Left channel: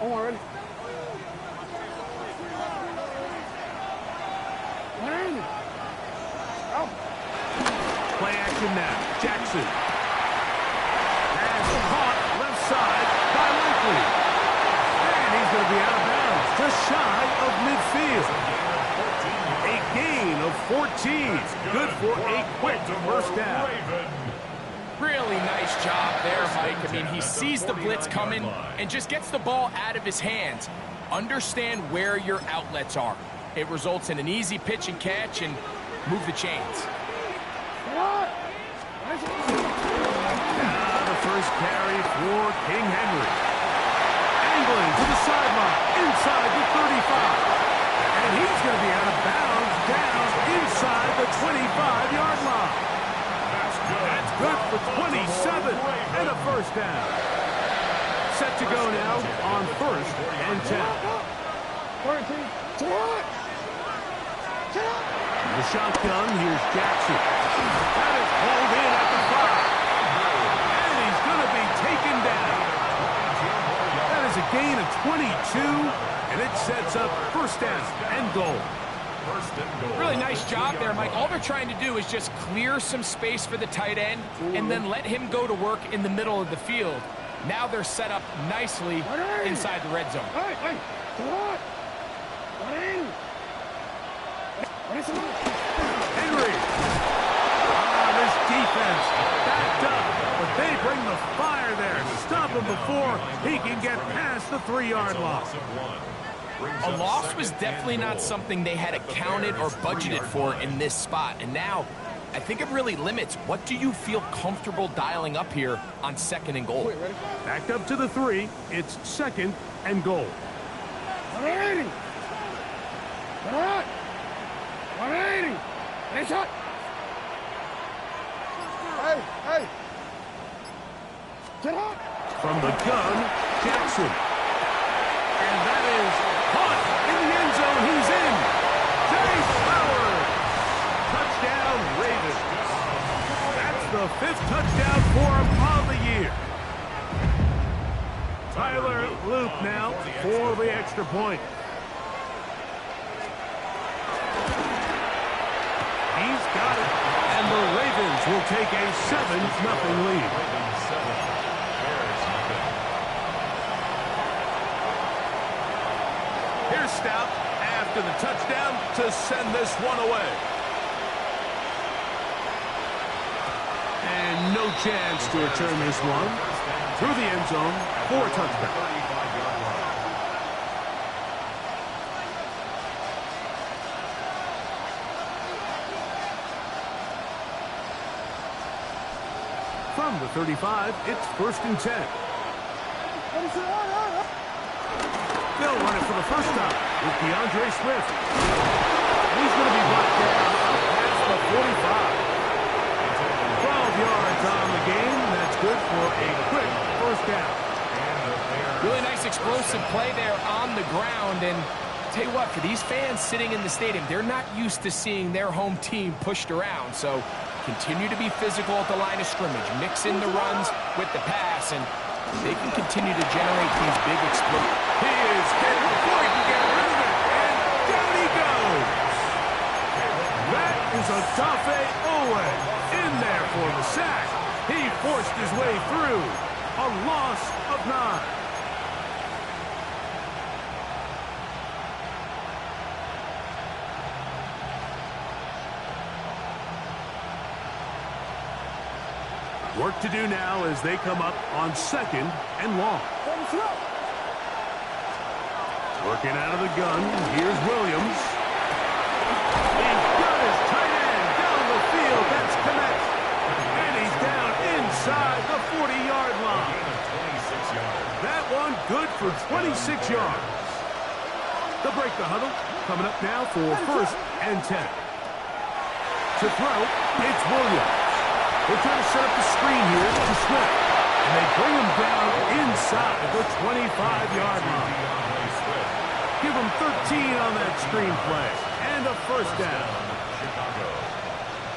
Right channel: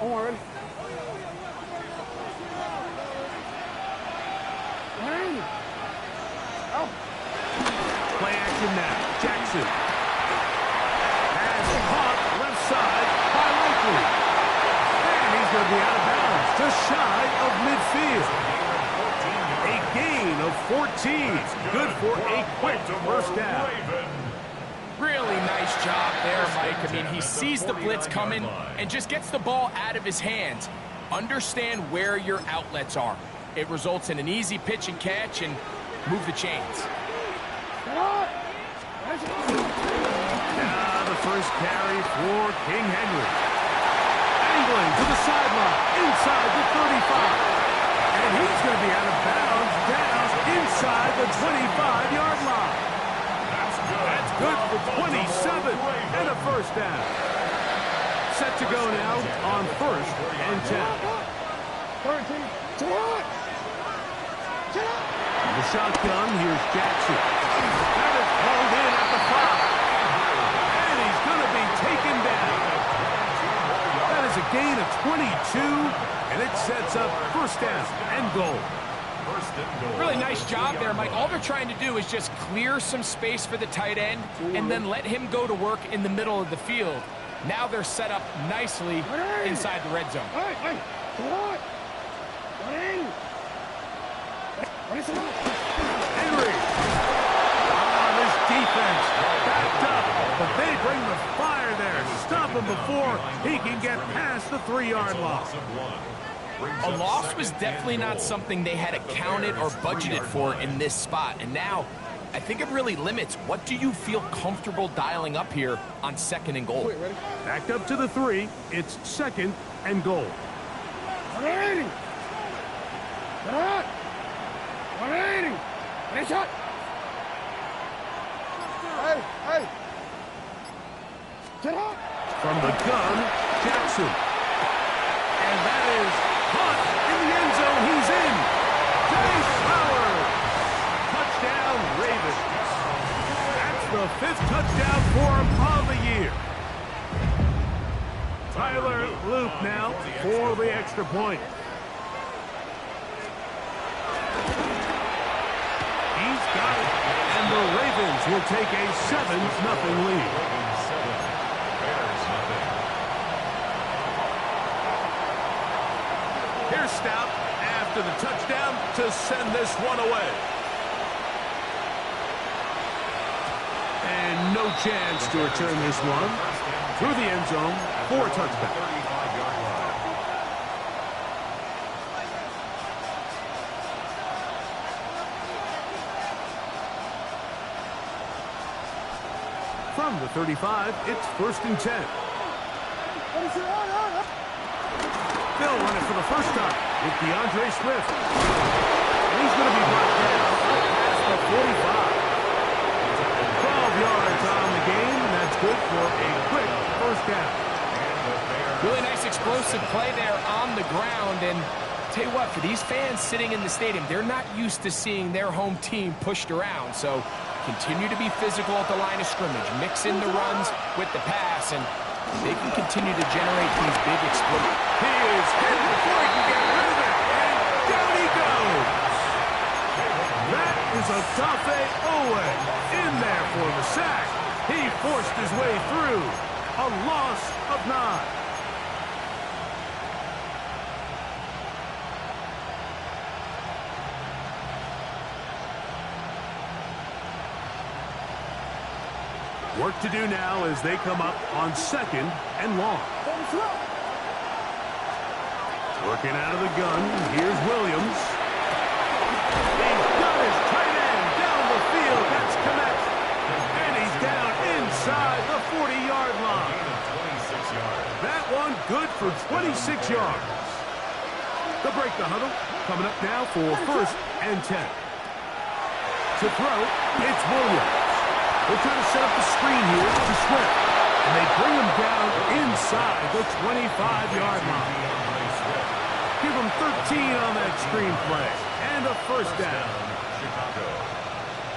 Already. Oh. Play action now. Jackson. Has caught left side by Likely. And he's going to be out of bounds, just shy of midfield. A gain of 14. Good for a quick first down. Really nice job there, Mike. I mean, he sees the blitz coming and just gets the ball out of his hands. Understand where your outlets are. It results in an easy pitch and catch and move the chains. Now the first carry for King Henry. Angling to the sideline, inside the 35. And he's going to be out of bounds, down inside the 25-yard line. That's good for 27 and a first down. Set to go now on 1st and 10. The shotgun, here's Jackson. That is hauled in at the 5. And he's going to be taken down. That is a gain of 22, and it sets up first down and goal. Really nice job there, Mike. All they're trying to do is just clear some space for the tight end and then let him go to work in the middle of the field. Now they're set up nicely inside the red zone. Henry. This defense backed up, but they bring the fire there. Stop him before he can get past the 3-yard line. A loss was definitely not something they had accounted or budgeted for in this spot. And now, I think it really limits what do you feel comfortable dialing up here on 2nd and goal. Backed up to the 3. It's 2nd and goal. 180. 180. Nice shot. Hey. Get out. From the gun, Jackson. And that is caught in the end zone. He's in. Chase Howard. Touchdown, Ravens. That's the 5th touchdown for him on the year. Tyler Loop now for the extra point. He's got it. And the Ravens will take a 7-0 lead. Here's Stout after the touchdown to send this one away. And no chance to return this one through the end zone for a touchdown. From the 35, it's 1st and 10. They'll run it for the first time with DeAndre Swift. And he's going to be brought down up past the 45. 12 yards on the game, and that's good for a quick first down. Really nice explosive play there on the ground. And tell you what, for these fans sitting in the stadium, they're not used to seeing their home team pushed around. So continue to be physical at the line of scrimmage. Mix in the runs with the pass, and they can continue to generate these big explosions. He is hit before he can get rid of it, and down he goes. That is Odafe Owe in there for the sack. He forced his way through. A loss of 9. Work to do now as they come up on 2nd and long. Working out of the gun, here's Williams. He's got his tight end down the field. That's Kmet. And he's down inside the 40-yard line. That one good for 26 yards. They'll break the huddle. Coming up now for 1st and 10. To throw, it's Williams. They're trying to set up the screen here to Swift. And they bring him down inside the 25-yard line. Give him 13 on that screen play. And a first down.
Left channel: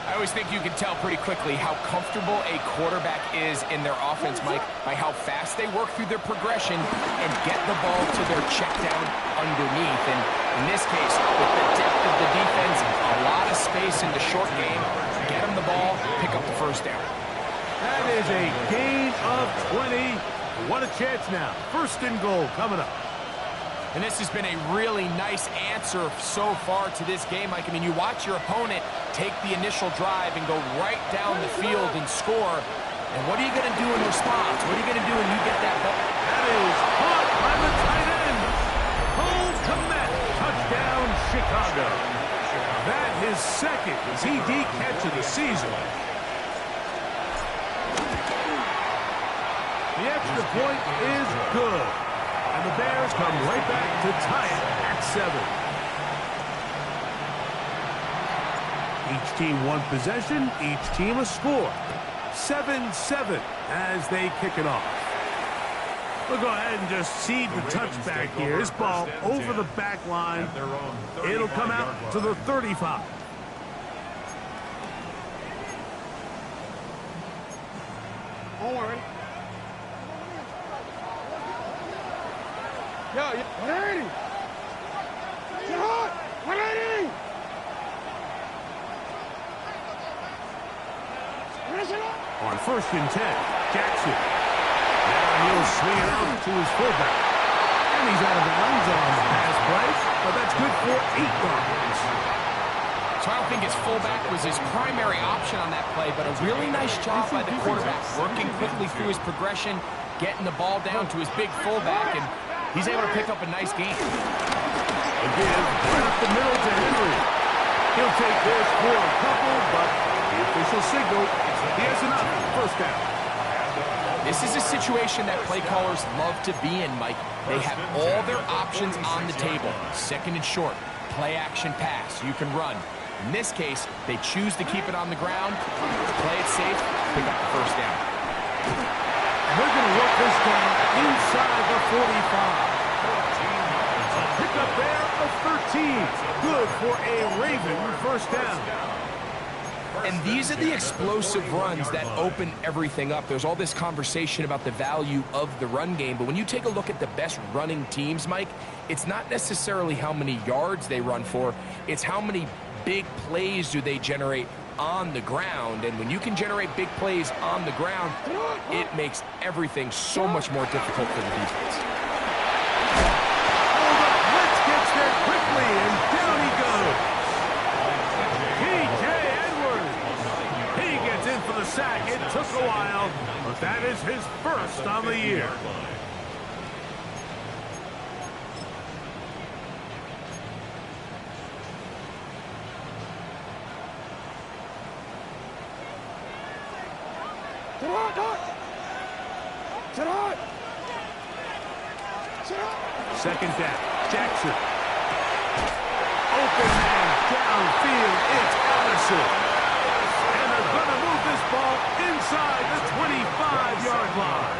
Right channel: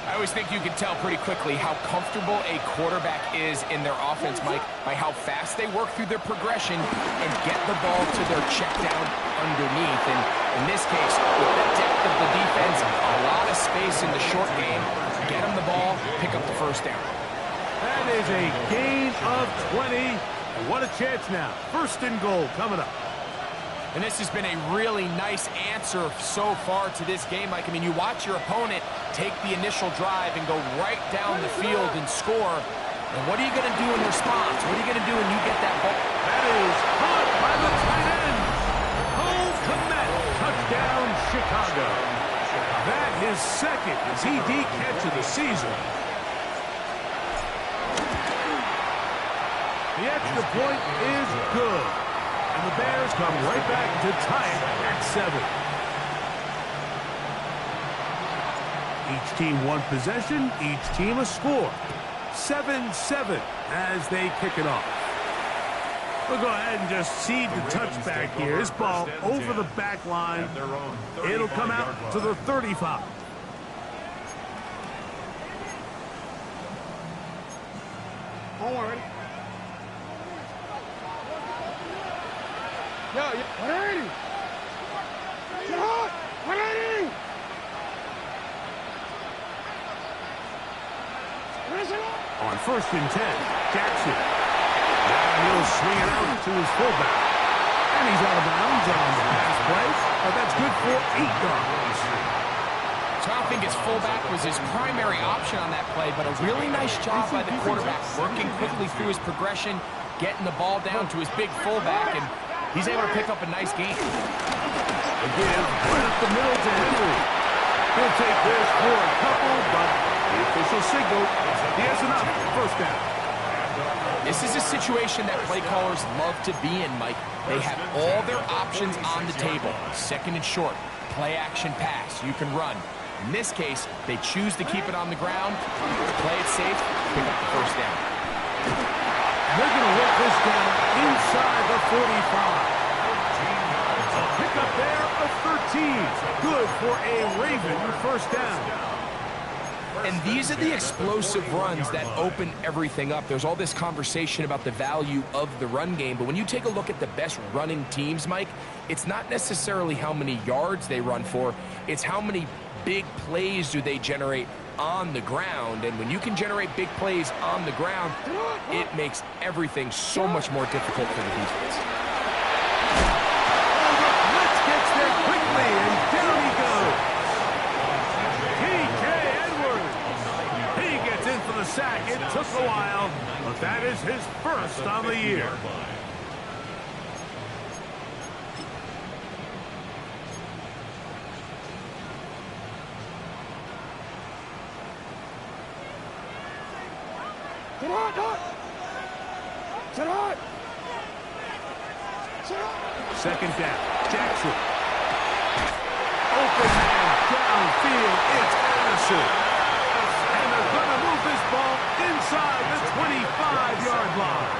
I always think you can tell pretty quickly how comfortable a quarterback is in their offense, Mike, by how fast they work through their progression and get the ball to their check down underneath. And in this case, with the depth of the defense, a lot of space in the short game, get them the ball, pick up the first down. That is a gain of 20. What a chance now. First and goal coming up. And this has been a really nice answer so far to this game, Mike. I mean, you watch your opponent take the initial drive and go right down the field and score. And what are you going to do in response? What are you going to do when you get that ball? That is caught by the tight end. Cole Kmet, touchdown Chicago. That his second TD catch of the season. The extra point is good. And the Bears come right back to tie it at 7. Each team one possession, each team a score. 7-7 as they kick it off. We'll go ahead and just seed the touchback here. This ball over the back line. It'll come out to the 35. Don't worry. Yeah, 180. Get hot. 180. On first and 10, Jackson. Now he'll swing it out to his fullback. And he's out of bounds on the pass play, but that's good for 8 yards. So I don't think his fullback was his primary option on that play, but a really nice job by the quarterback, working quickly through his progression, getting the ball down to his big fullback, and he's able to pick up a nice gain. Again, right up the middle to Henry. He'll take this for a couple, but the official signal, he has enough. First down. This is a situation that play callers love to be in, Mike. They have all their options on the table. Second and short, play action pass. You can run. In this case, they choose to keep it on the ground, play it safe, pick up the first down. And they're going to work this down inside the 45. A pickup there of 13. Good for a Raven first down. And these are the explosive runs that open everything up. There's all this conversation about the value of the run game, but when you take a look at the best running teams, Mike, it's not necessarily how many yards they run for, it's how many big plays do they generate on the ground. And when you can generate big plays on the ground, it makes everything so much more difficult for the defense. Oh, the blitz gets there quickly, and down he goes. T.J. Edwards. He gets in for the sack. It took a while, but that is his first on the year. Sit hot, Doc. Sit hot. Sit hot. Second down. Jackson. Open man downfield. It's Addison. And they're going to move this ball inside the 25-yard line.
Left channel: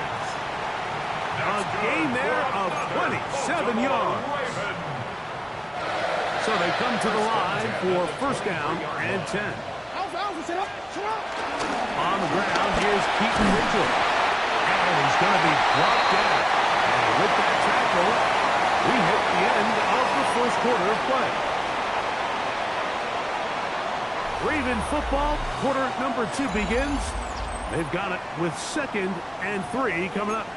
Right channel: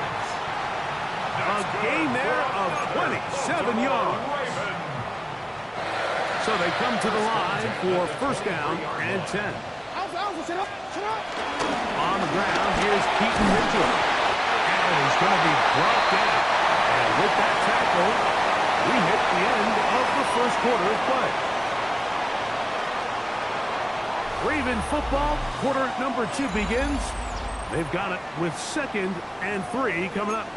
A gain there of 27 yards. So they come to the line for first down and 10. Alpha, sit up. Sit up. On the ground, here's Keaton Mitchell. And he's going to be brought down. And with that tackle, we hit the end of the first quarter of play. Raven football, quarter number 2 begins. They've got it with second and 3 coming up.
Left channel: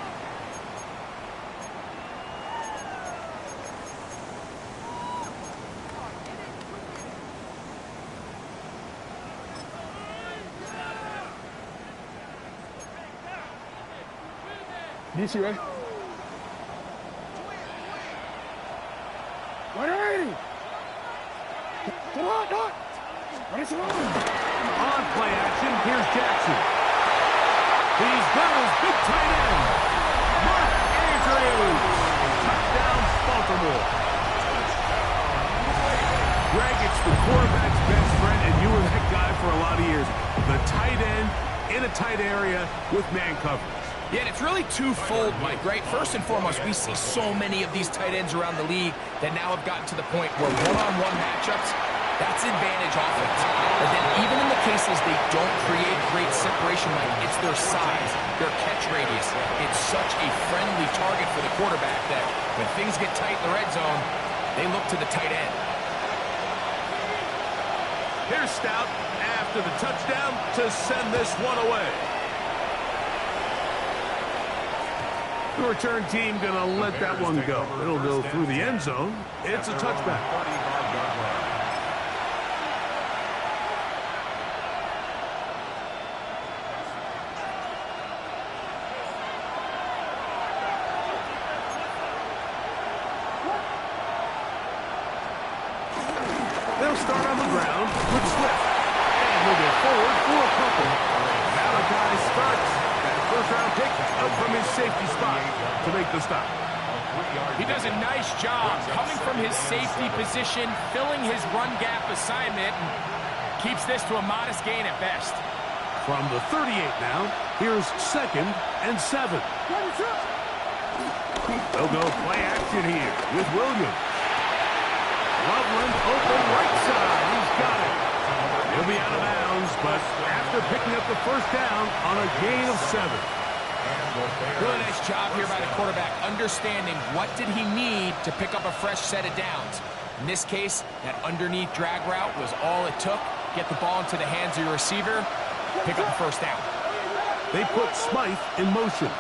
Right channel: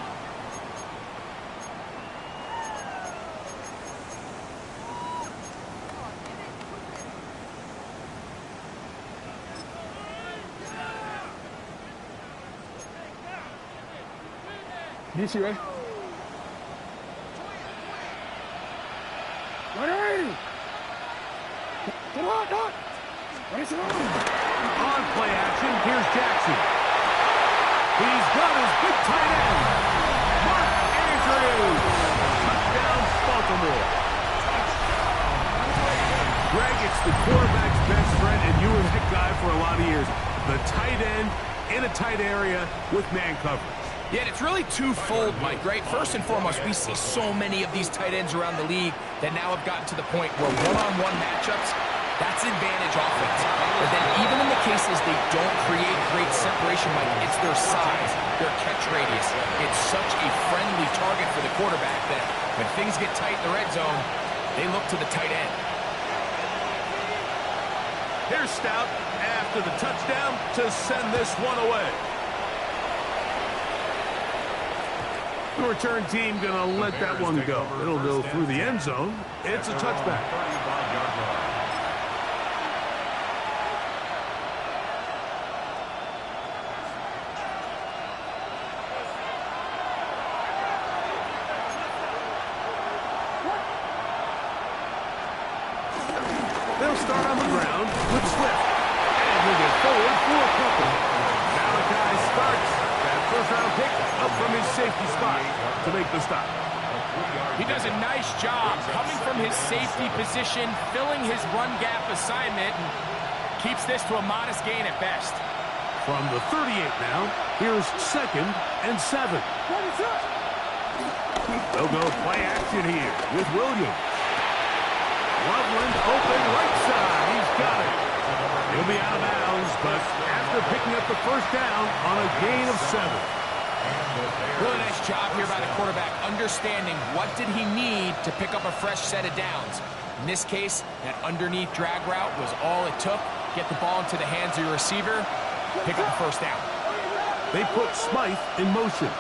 DC, right? 180. Sit hot, Doc. Ready, sit on. On play action, here's Jackson. He's got his big tight end, Mark Andrews. Touchdown, Baltimore. Greg, it's the quarterback's best friend, and you were that guy for a lot of years. The tight end in a tight area with man coverage. Yeah, and it's really twofold, Mike, right? First and foremost, we see so many of these tight ends around the league that now have gotten to the point where one-on-one matchups That's advantage offense. But then even in the cases they don't create great separation, Mike, it's their size, their catch radius. It's such a friendly target for the quarterback that when things get tight in the red zone, they look to the tight end. Here's Stout after the touchdown to send this one away. The return team going to let that one go. It'll go through the end zone. It's a touchback. They'll start on the ground with Swift. And he'll get forward for a couple. Malachi starts that first-round pick up from his safety spot to make the stop. He does a nice job coming from his safety position, filling his run gap assignment, and keeps this to a modest gain at best. From the 38 now, here's 2nd and 7. They'll go play action here with Williams. Loveland open right side. He's got it. He'll be out of bounds, but after picking up the first down on a gain of 7. Really nice job here by the quarterback, understanding what did he need to pick up a fresh set of downs. In this case, that underneath drag route was all it took. Get the ball into the hands of your receiver, pick up the first down. They put Smythe in motion.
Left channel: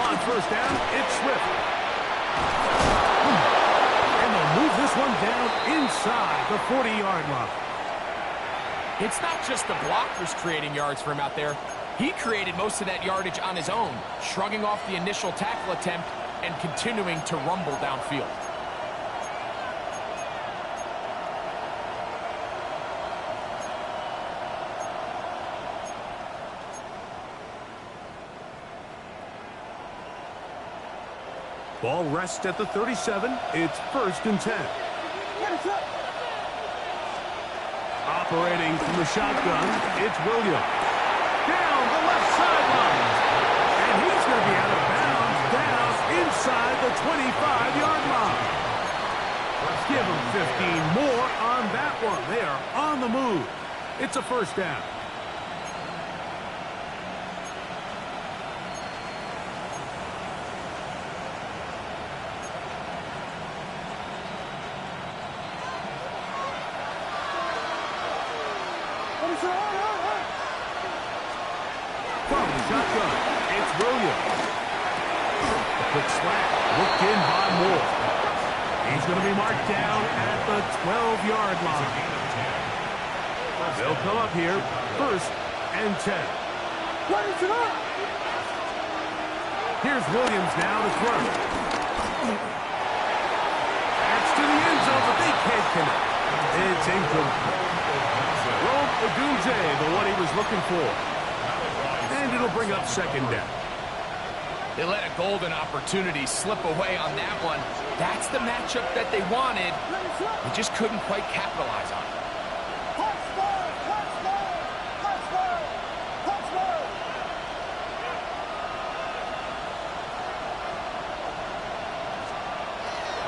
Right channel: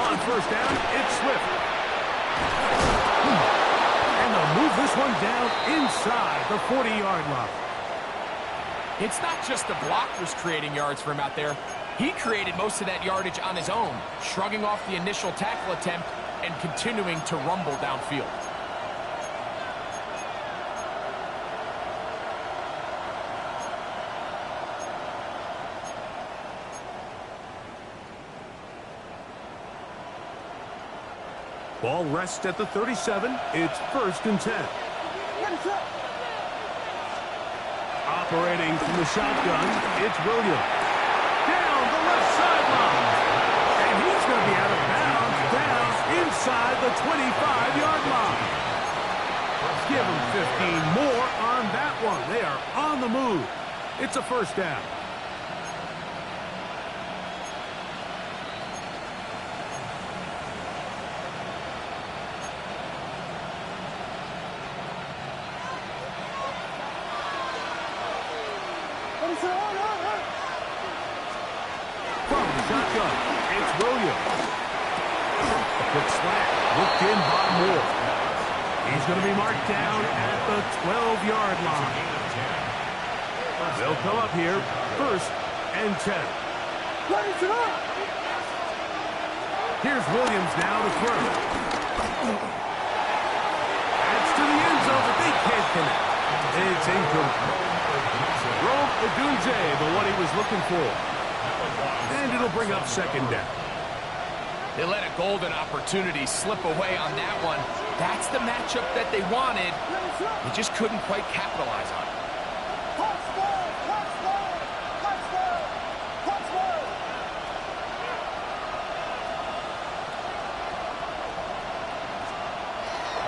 On first down, it's Swift. And they'll move this one down inside the 40-yard line. It's not just the blockers creating yards for him out there. He created most of that yardage on his own, shrugging off the initial tackle attempt and continuing to rumble downfield. Ball rests at the 37. It's 1st and 10. Operating from the shotgun, it's Williams. Down the left sideline. And he's going to be out of bounds down inside the 25-yard line. Give him 15 more on that one. They are on the move. It's a first down. From the shotgun, it's Williams. A quick slant, looked in by Moore. He's going to be marked down at the 12-yard line. They'll come up here, 1st and 10. Here's Williams now to throw. That's to the end zone, but they can't connect. It's incomplete. Rome Odunze, the one he was looking for. And it'll bring up 2nd down. They let a golden opportunity slip away on that one. That's the matchup that they wanted. They just couldn't quite capitalize on it.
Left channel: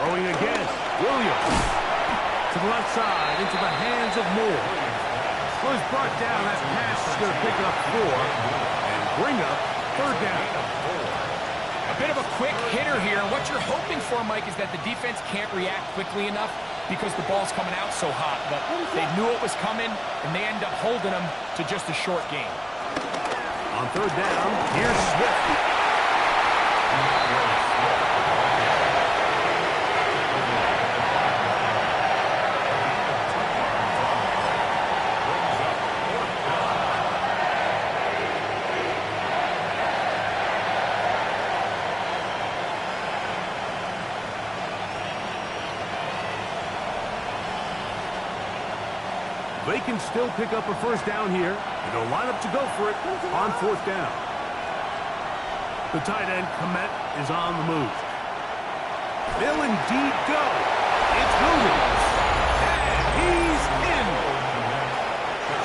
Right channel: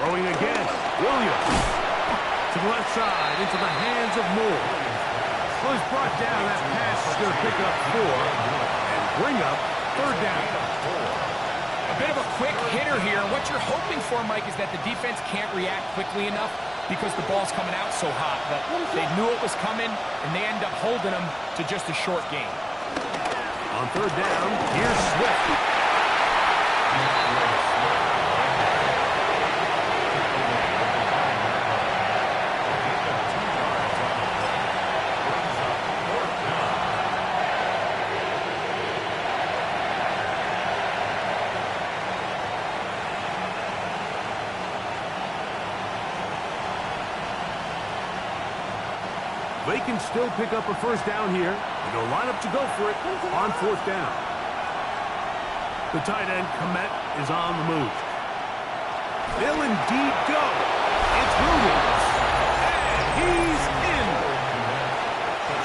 Throwing again, Williams. To the left side, into the hands of Moore. Well, he's brought down. That pass is going to pick up 4 and bring up 3rd down. A bit of a quick hitter here. What you're hoping for, Mike, is that the defense can't react quickly enough because the ball's coming out so hot. But they knew it was coming, and they end up holding them to just a short gain. On 3rd down, here's Swift. They can still pick up a first down here, and they'll line up to go for it on 4th down. The tight end, Komet, is on the move. They'll indeed go. It's Williams. And he's in.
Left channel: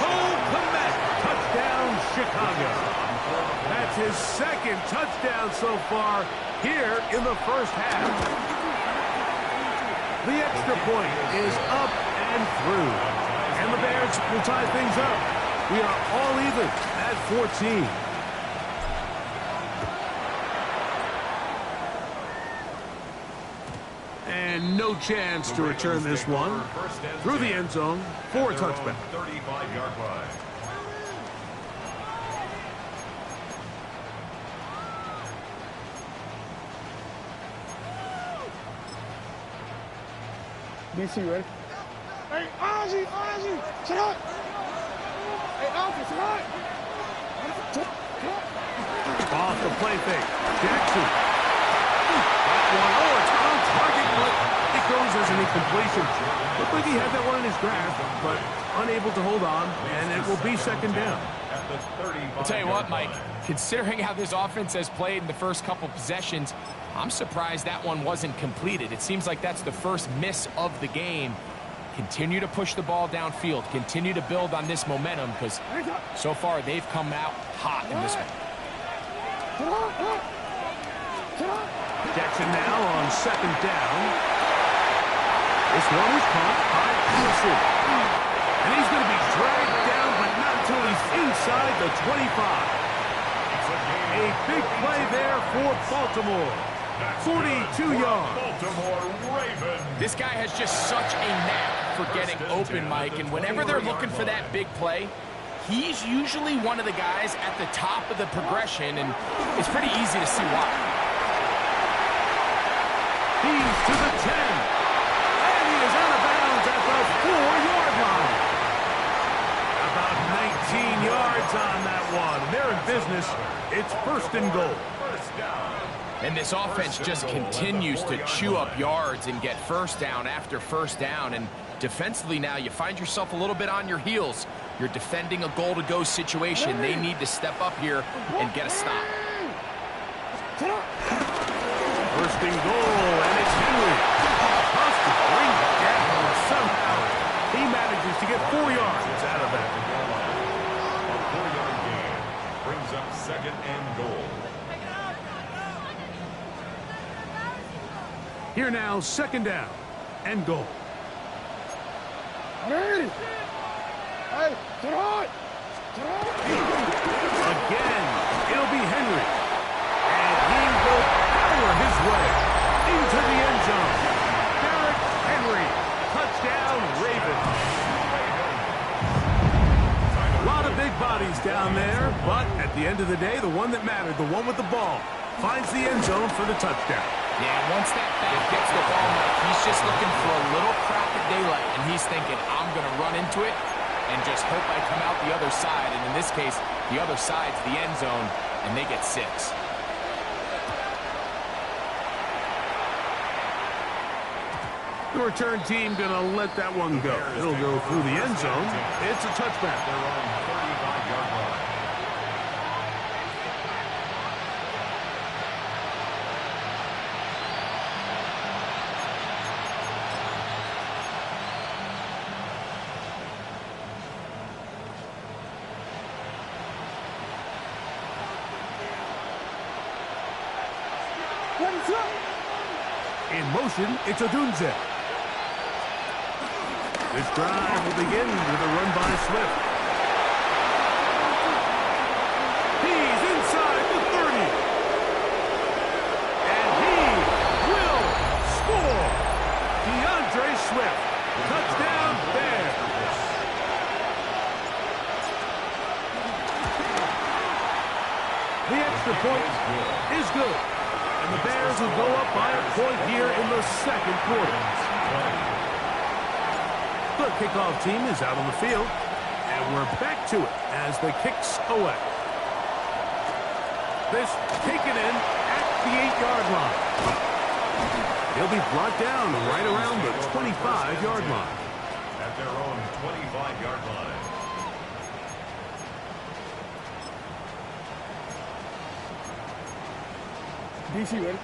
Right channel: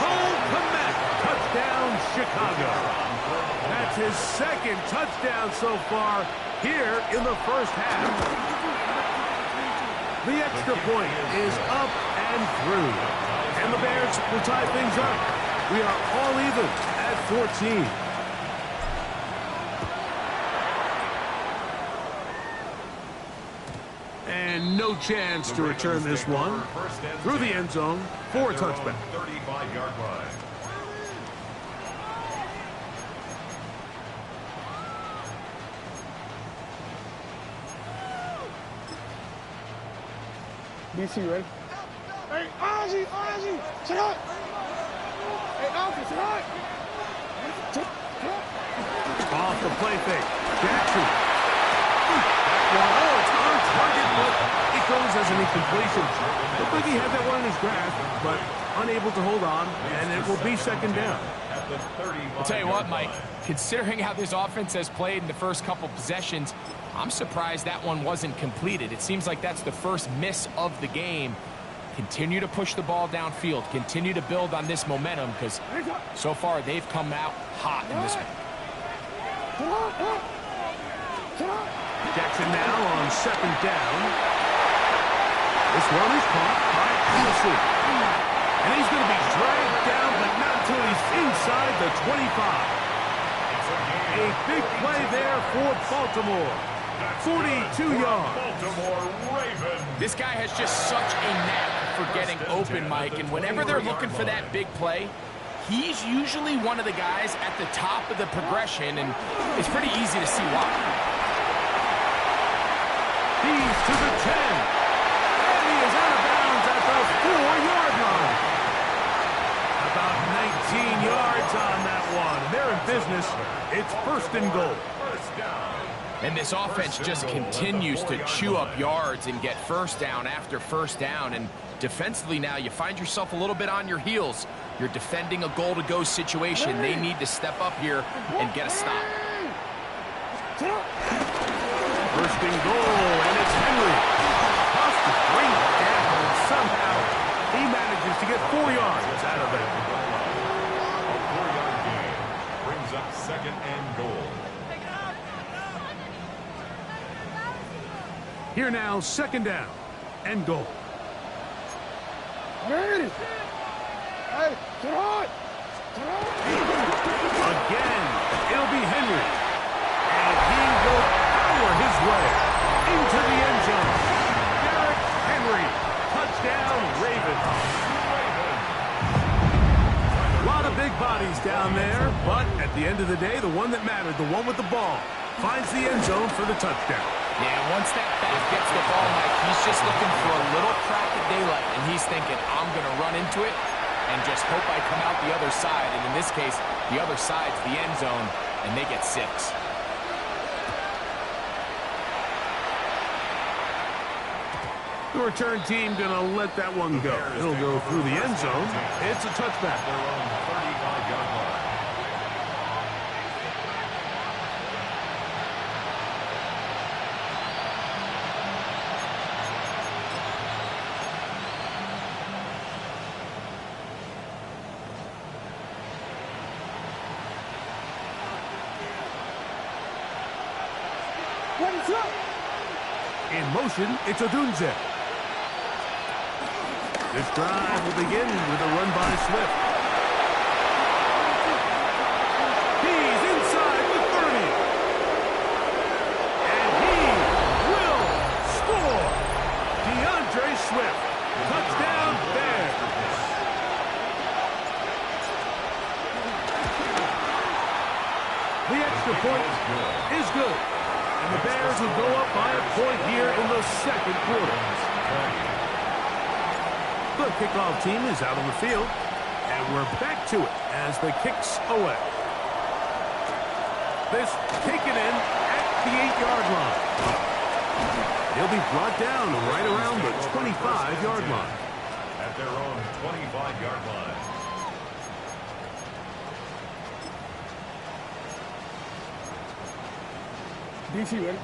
Cole Komet, touchdown, Chicago. That's his 2nd touchdown so far here in the first half. The extra point is up and through. And the Bears will tie things up. We are all even at 14. And no chance to return this one through the end zone for a touchback. 35-yard line. BC, ready? Hey, Ozzie, sit up! Hey, Alfred, sit up! Off the play fake. Jackson. That one, it's on target, but it goes as an incompletion. Looked like he had that one in his grasp, but unable to hold on, and it will be second down. I'll tell you what, Mike, considering how this offense has played in the first couple possessions, I'm surprised that one wasn't completed. It seems like that's the first miss of the game. Continue to push the ball downfield. Continue to build on this momentum because so far they've come out hot in this one. Jackson now on second down. This one is caught by Allison. And he's going to be dragged down, but not until he's inside the 25. A big play there for Baltimore. 42 yards. Baltimore Ravens. This guy has just such a knack for getting open, Mike, and whenever they're looking for that big play, he's usually one of the guys at the top of the progression, and it's pretty easy to see why. He's to the 10. And he is out of bounds at the 4-yard line. About 19 yards on that one. They're in business. It's first and goal. First down. And this offense just continues to chew up yards and get first down after first down. And defensively now, you find yourself a little bit on your heels. You're defending a goal-to-go situation. They need to step up here and get a stop. First and goal, and it's Henry. Tough to bring down. Somehow, he manages to get 4 yards out of that. A 4-yard gain brings up second and goal. Here now, second down and goal. Hey, sit on! Again, it'll be Henry. And he will power his way into the end zone. Derrick Henry, touchdown Ravens. A lot of big bodies down there, but at the end of the day, the one that mattered, the one with the ball, finds the end zone for the touchdown. Yeah, once that back gets the ball, Mike, he's just looking for a little crack of daylight, and he's thinking, I'm going to run into it and just hope I come out the other side. And in this case, the other side's the end zone, and they get 6. The return team going to let that one go. It'll go through the end zone. It's a touchback. Their own 35-yard line. In motion, it's Odunze. This drive will begin with a run by Swift. He's inside the 30. And he will score. DeAndre Swift. Touchdown Bears. The extra point is good. And the Bears will go up by a point here in the second quarter. The kickoff team is out on the field, and we're back to it as the kicks away. This taken in at the 8-yard line. He'll be brought down right around the 25-yard line. At their own 25-yard line. DC, ready?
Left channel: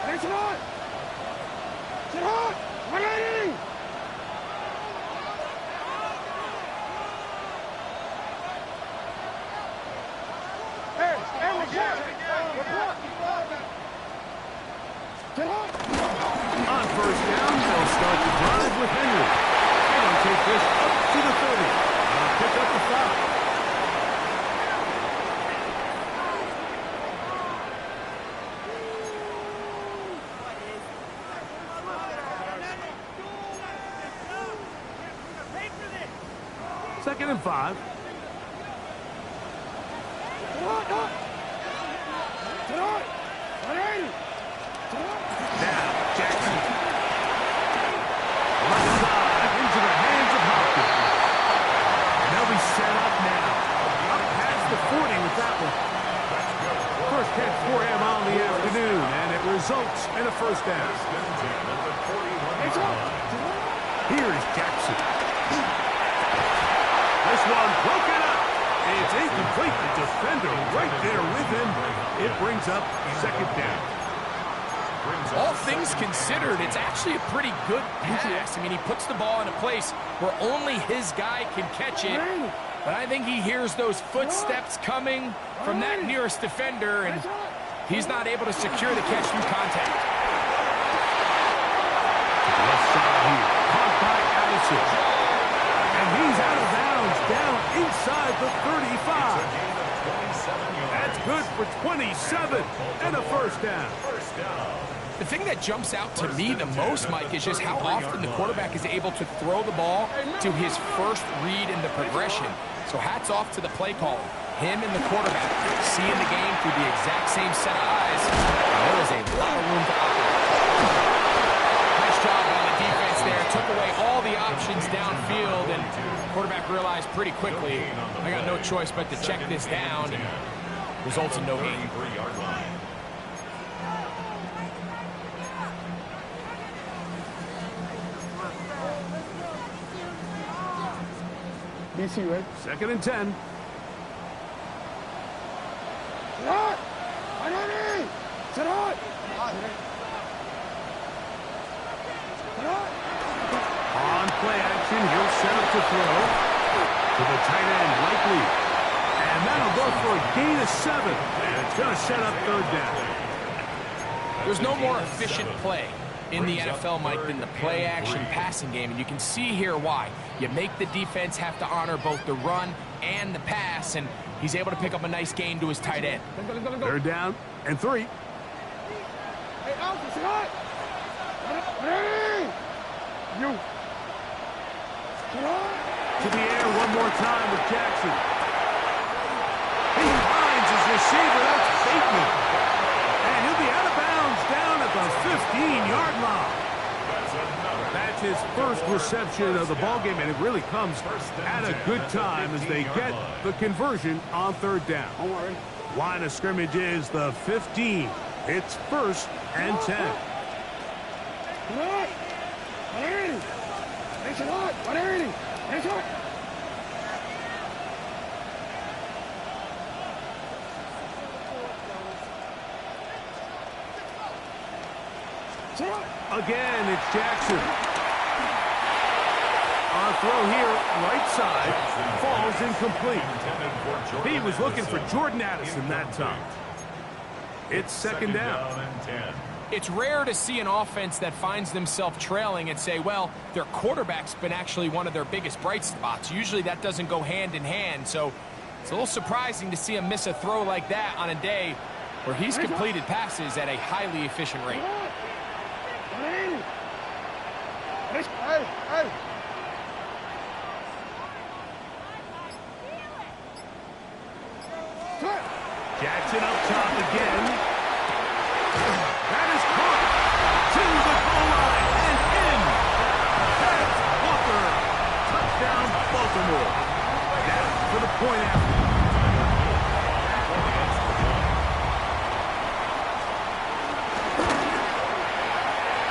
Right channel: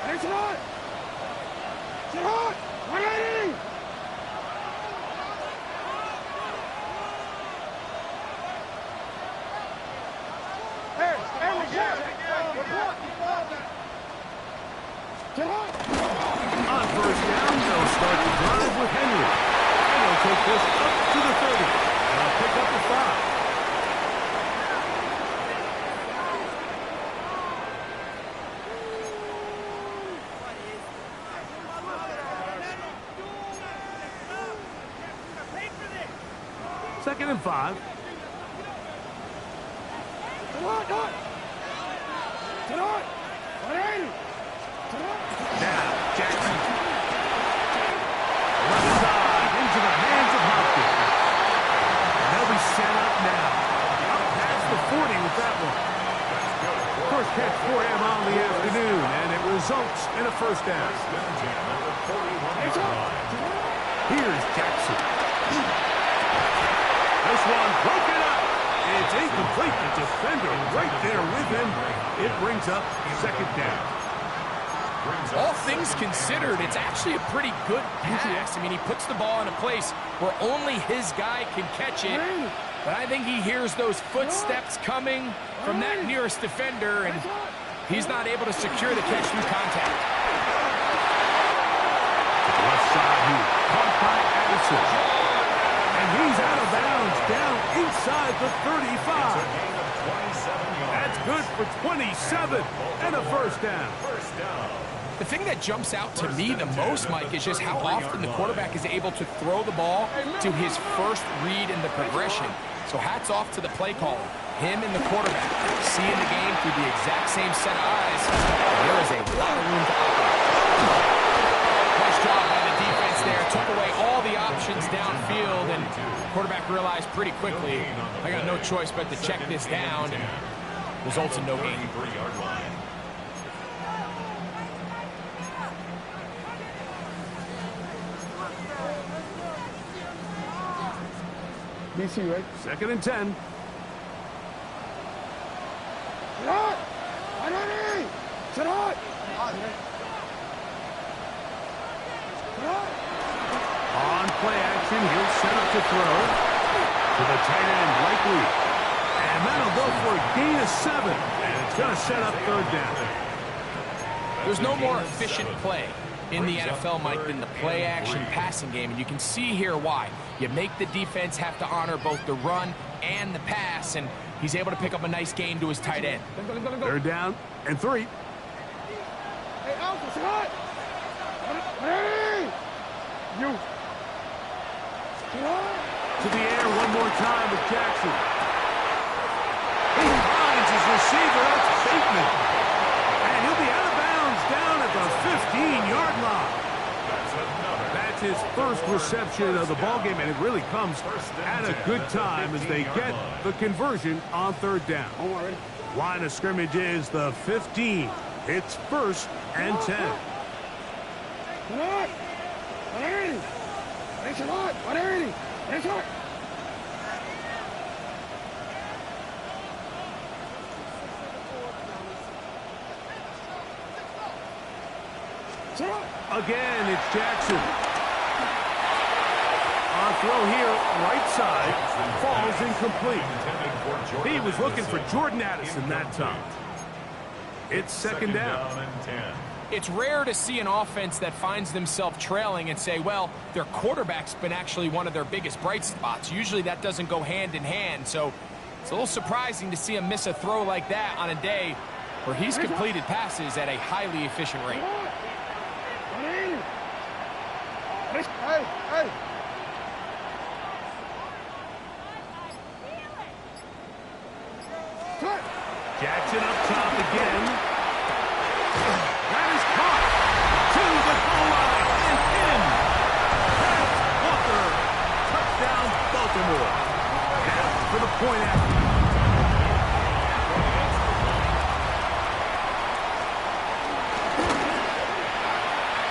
Hey, sit on! Sit on! 180! Hey, we got it! Get hot. On first down, they'll start the drive with Henry. And they'll take this up to the 30. Pick up the 5. Second and 5. Now, Jackson. Left side into the hands of Hopkins. And they'll be set up now. Up past the 40 with that one. First catch for him on the afternoon, and it results in a first down. Here's Jackson. This one broken up. It's incomplete. The defender right there with him. It brings up second down. All things considered, it's actually a pretty good pass. I mean, he puts the ball in a place where only his guy can catch it. But I think he hears those footsteps coming from that nearest defender, and he's not able to secure the catch through contact. To the left side here. Caught by Addison. And he's out of bounds, down inside the 35. That's good for 27 and a first down. The thing that jumps out to me the most, Mike, is just how often the quarterback is able to throw the ball to his first read in the progression. So hats off to the play caller. Him and the quarterback seeing the game through the exact same set of eyes. And there is a lot of room to operate. Nice job by the defense there. Took away all the options downfield, and the quarterback realized pretty quickly, I got no choice but to check this down, and results in no gain. BC, right? Second and 10. Sit hot. Sit hot. On play action, he'll set up to throw to the tight end, Likely. And that'll go for a gain of 7. And it's going to set up third down. There's no more efficient play in the NFL, Mike, than the play action passing game. And you can see here why. You make the defense have to honor both the run and the pass, and he's able to pick up a nice gain to his tight end. Third down and 3. Hey, Alpha, sit hot. You. To the air one more time with Jackson. He finds his receiver. That's Bateman. And he'll be out of bounds down at the 15-yard line. That's his first reception of the ballgame, and it really comes at a good time as they get the conversion on third down. Line of scrimmage is the 15. It's first and 10. Again, it's Jackson. On throw here, right side, falls incomplete. He was looking for Jordan Addison that time. It's second down. It's rare to see an offense that finds themselves trailing and say, well, their quarterback's been actually one of their biggest bright spots. Usually that doesn't go hand in hand, so it's a little surprising to see him miss a throw like that on a day where he's completed passes at a highly efficient rate. Hey. Jackson up top again. That is caught to the goal line and in. That's Walker. Touchdown, Baltimore. Now for the point after.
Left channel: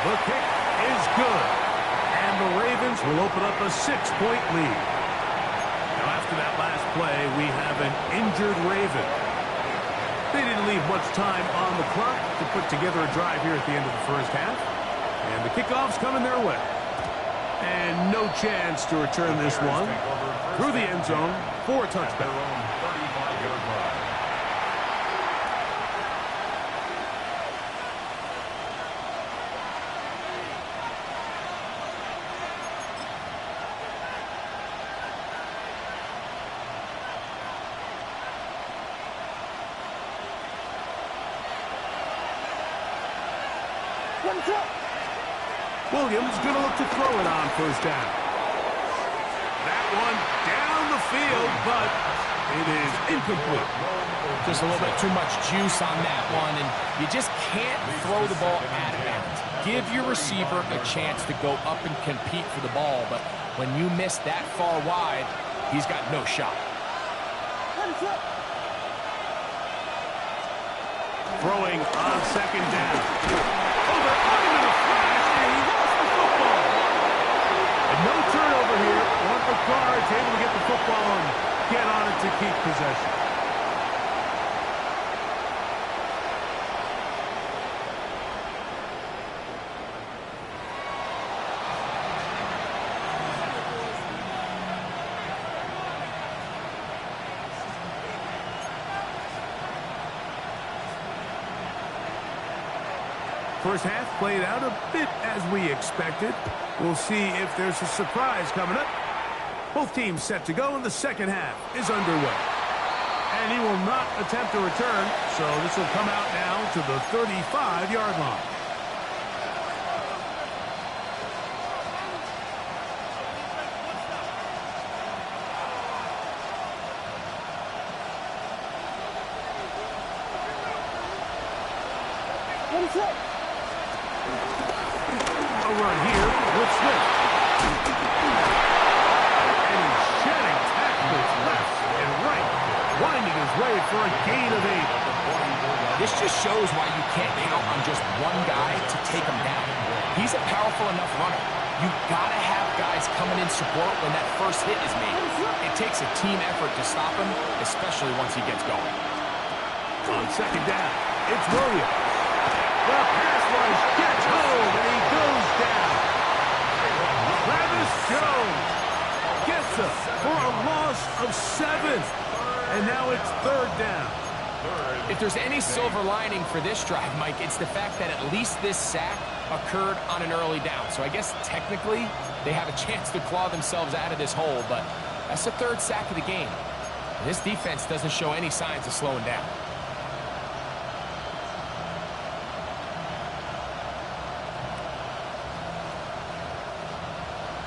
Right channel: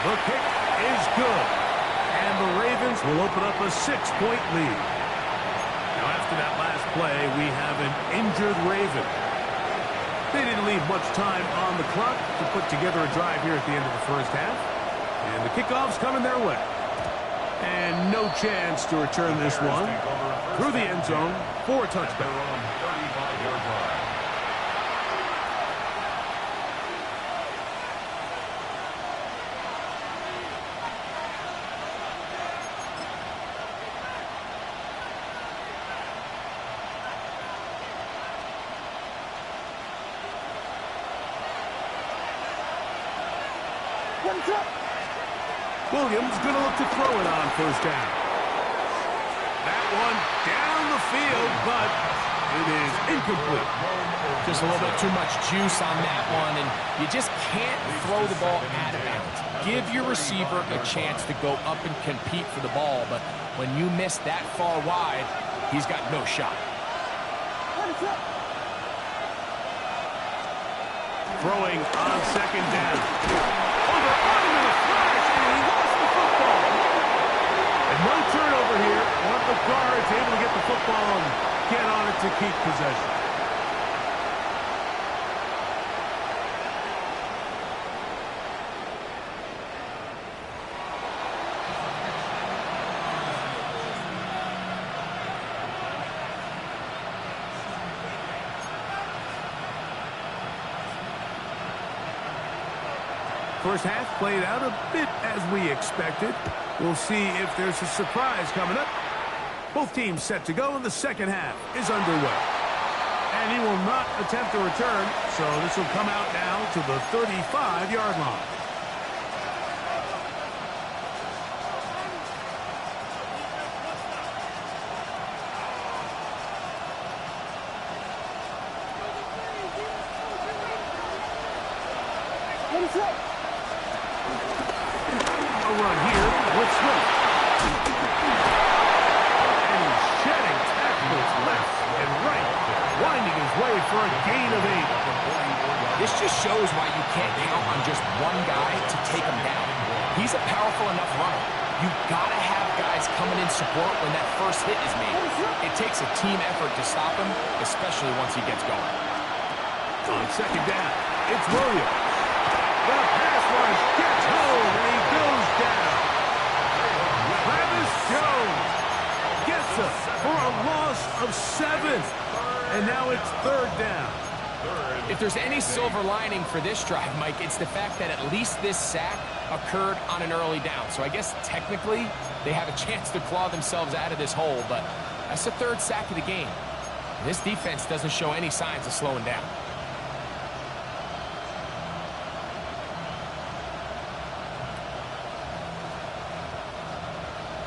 The kick is good. And the Ravens will open up a 6-point lead. Now after that last play, we have an injured Raven. They didn't leave much time on the clock to put together a drive here at the end of the first half. And the kickoff's coming their way. And no chance to return this one through the end zone for a touchdown. Williams going to look to throw it on first down. That one down the field, but it is incomplete. Just a little bit too much juice on that one, and you just can't throw the ball out of bounds. Give your receiver a chance to go up and compete for the ball, but when you miss that far wide, he's got no shot. Throwing on second down. Over on him in a flash, and he lost the football. And no turnover here. One of the guards able to get the football and get on it to keep possession. First half played out a bit as we expected. We'll see if there's a surprise coming up. Both teams set to go, and the second half is underway. And he will not attempt a return, so this will come out now to the 35-yard line. A run here with Swift. And he's shedding tackles left and right, winding his way for a gain of 8. This just shows why you can't count on just one guy to take him down. He's a powerful enough runner. You've got to have guys coming in support when that first hit is made. It takes a team effort to stop him, especially once he gets going. On second down, it's Williams. The pass rush gets home, and he goes down. Travis Jones gets up for a loss of 7. And now it's third down. If there's any silver lining for this drive, Mike, it's the fact that at least this sack occurred on an early down. So I guess technically they have a chance to claw themselves out of this hole, but that's the third sack of the game. And this defense doesn't show any signs of slowing down.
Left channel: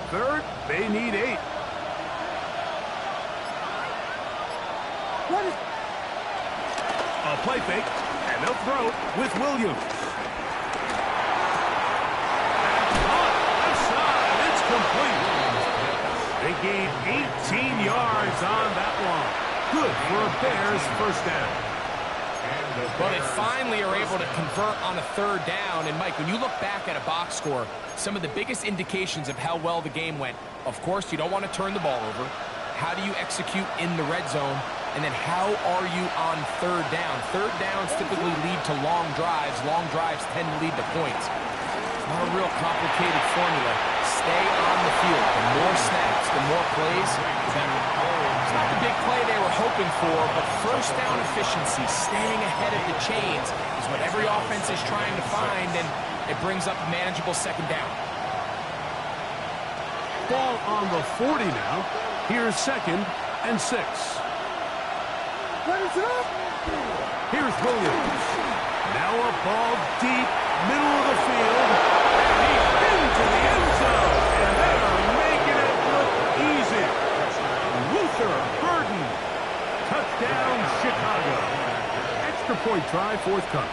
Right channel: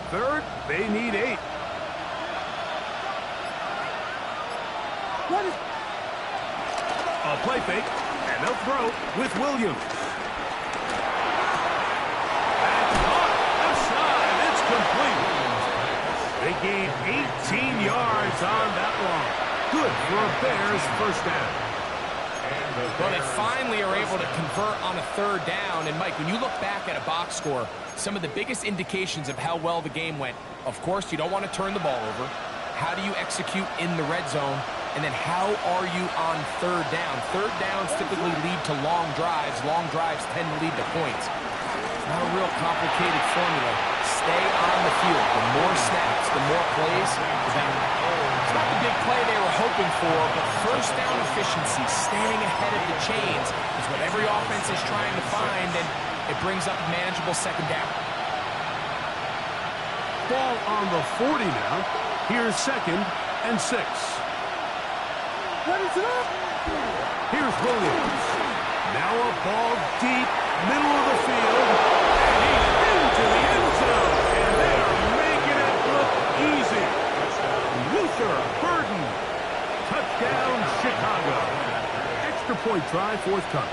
Third, they need 8. A play fake, and they'll throw with Williams. That's caught. Left side. It's complete. They gain 18 yards on that one. Good for a Bears first down. Well, they finally are able to convert on a third down. And, Mike, when you look back at a box score, some of the biggest indications of how well the game went, of course, you don't want to turn the ball over. How do you execute in the red zone? And then how are you on third down? Third downs typically lead to long drives. Long drives tend to lead to points. It's not a real complicated formula. Stay on the field. The more snaps, the more plays, the better. It's not the big play they were hoping for, but first down efficiency, staying ahead of the chains, is what every offense is trying to find, and it brings up a manageable second down. Ball on the 40 now. Here's second and 6. Here's Williams. Now a ball deep, middle of the field, and he's into the end zone, and they are making it look easy. Luther Burden. Touchdown, Chicago. Extra point try forthcoming.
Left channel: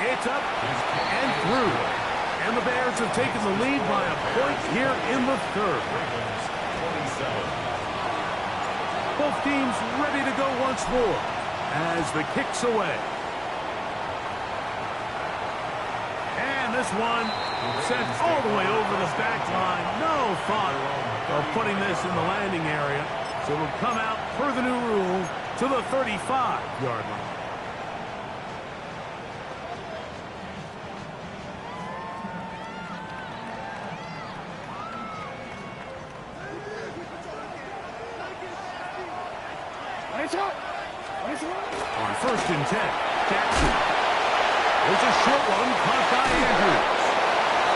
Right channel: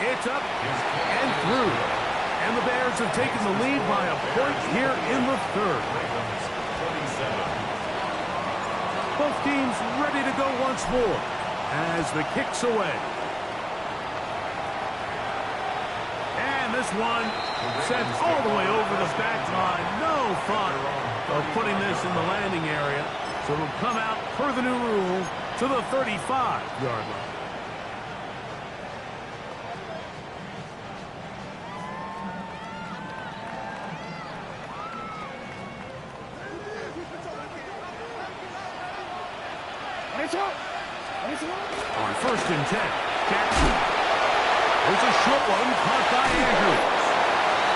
It's up and through. And the Bears have taken the lead by a point here in the third. Both teams ready to go once more as the kick's away. And this one sent all the way over the back line. No thought of putting this in the landing area. So it'll come out per the new rule to the 35-yard line. On first and 10, Jackson. There's a short one caught by Andrews.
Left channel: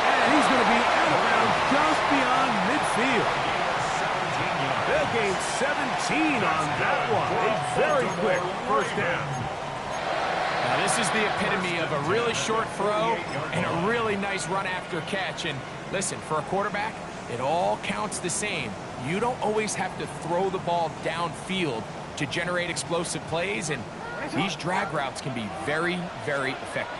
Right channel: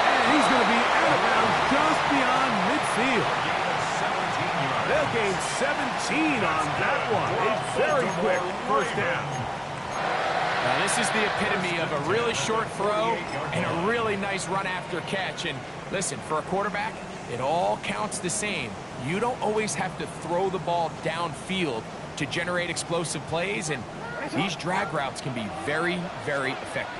And he's going to be out of bounds just beyond midfield. They'll gain 17 on that one. A very quick first down. Now, this is the epitome of a really short throw and a really nice run after catch. And listen, for a quarterback, it all counts the same. You don't always have to throw the ball downfield to generate explosive plays, and these drag routes can be very, very effective.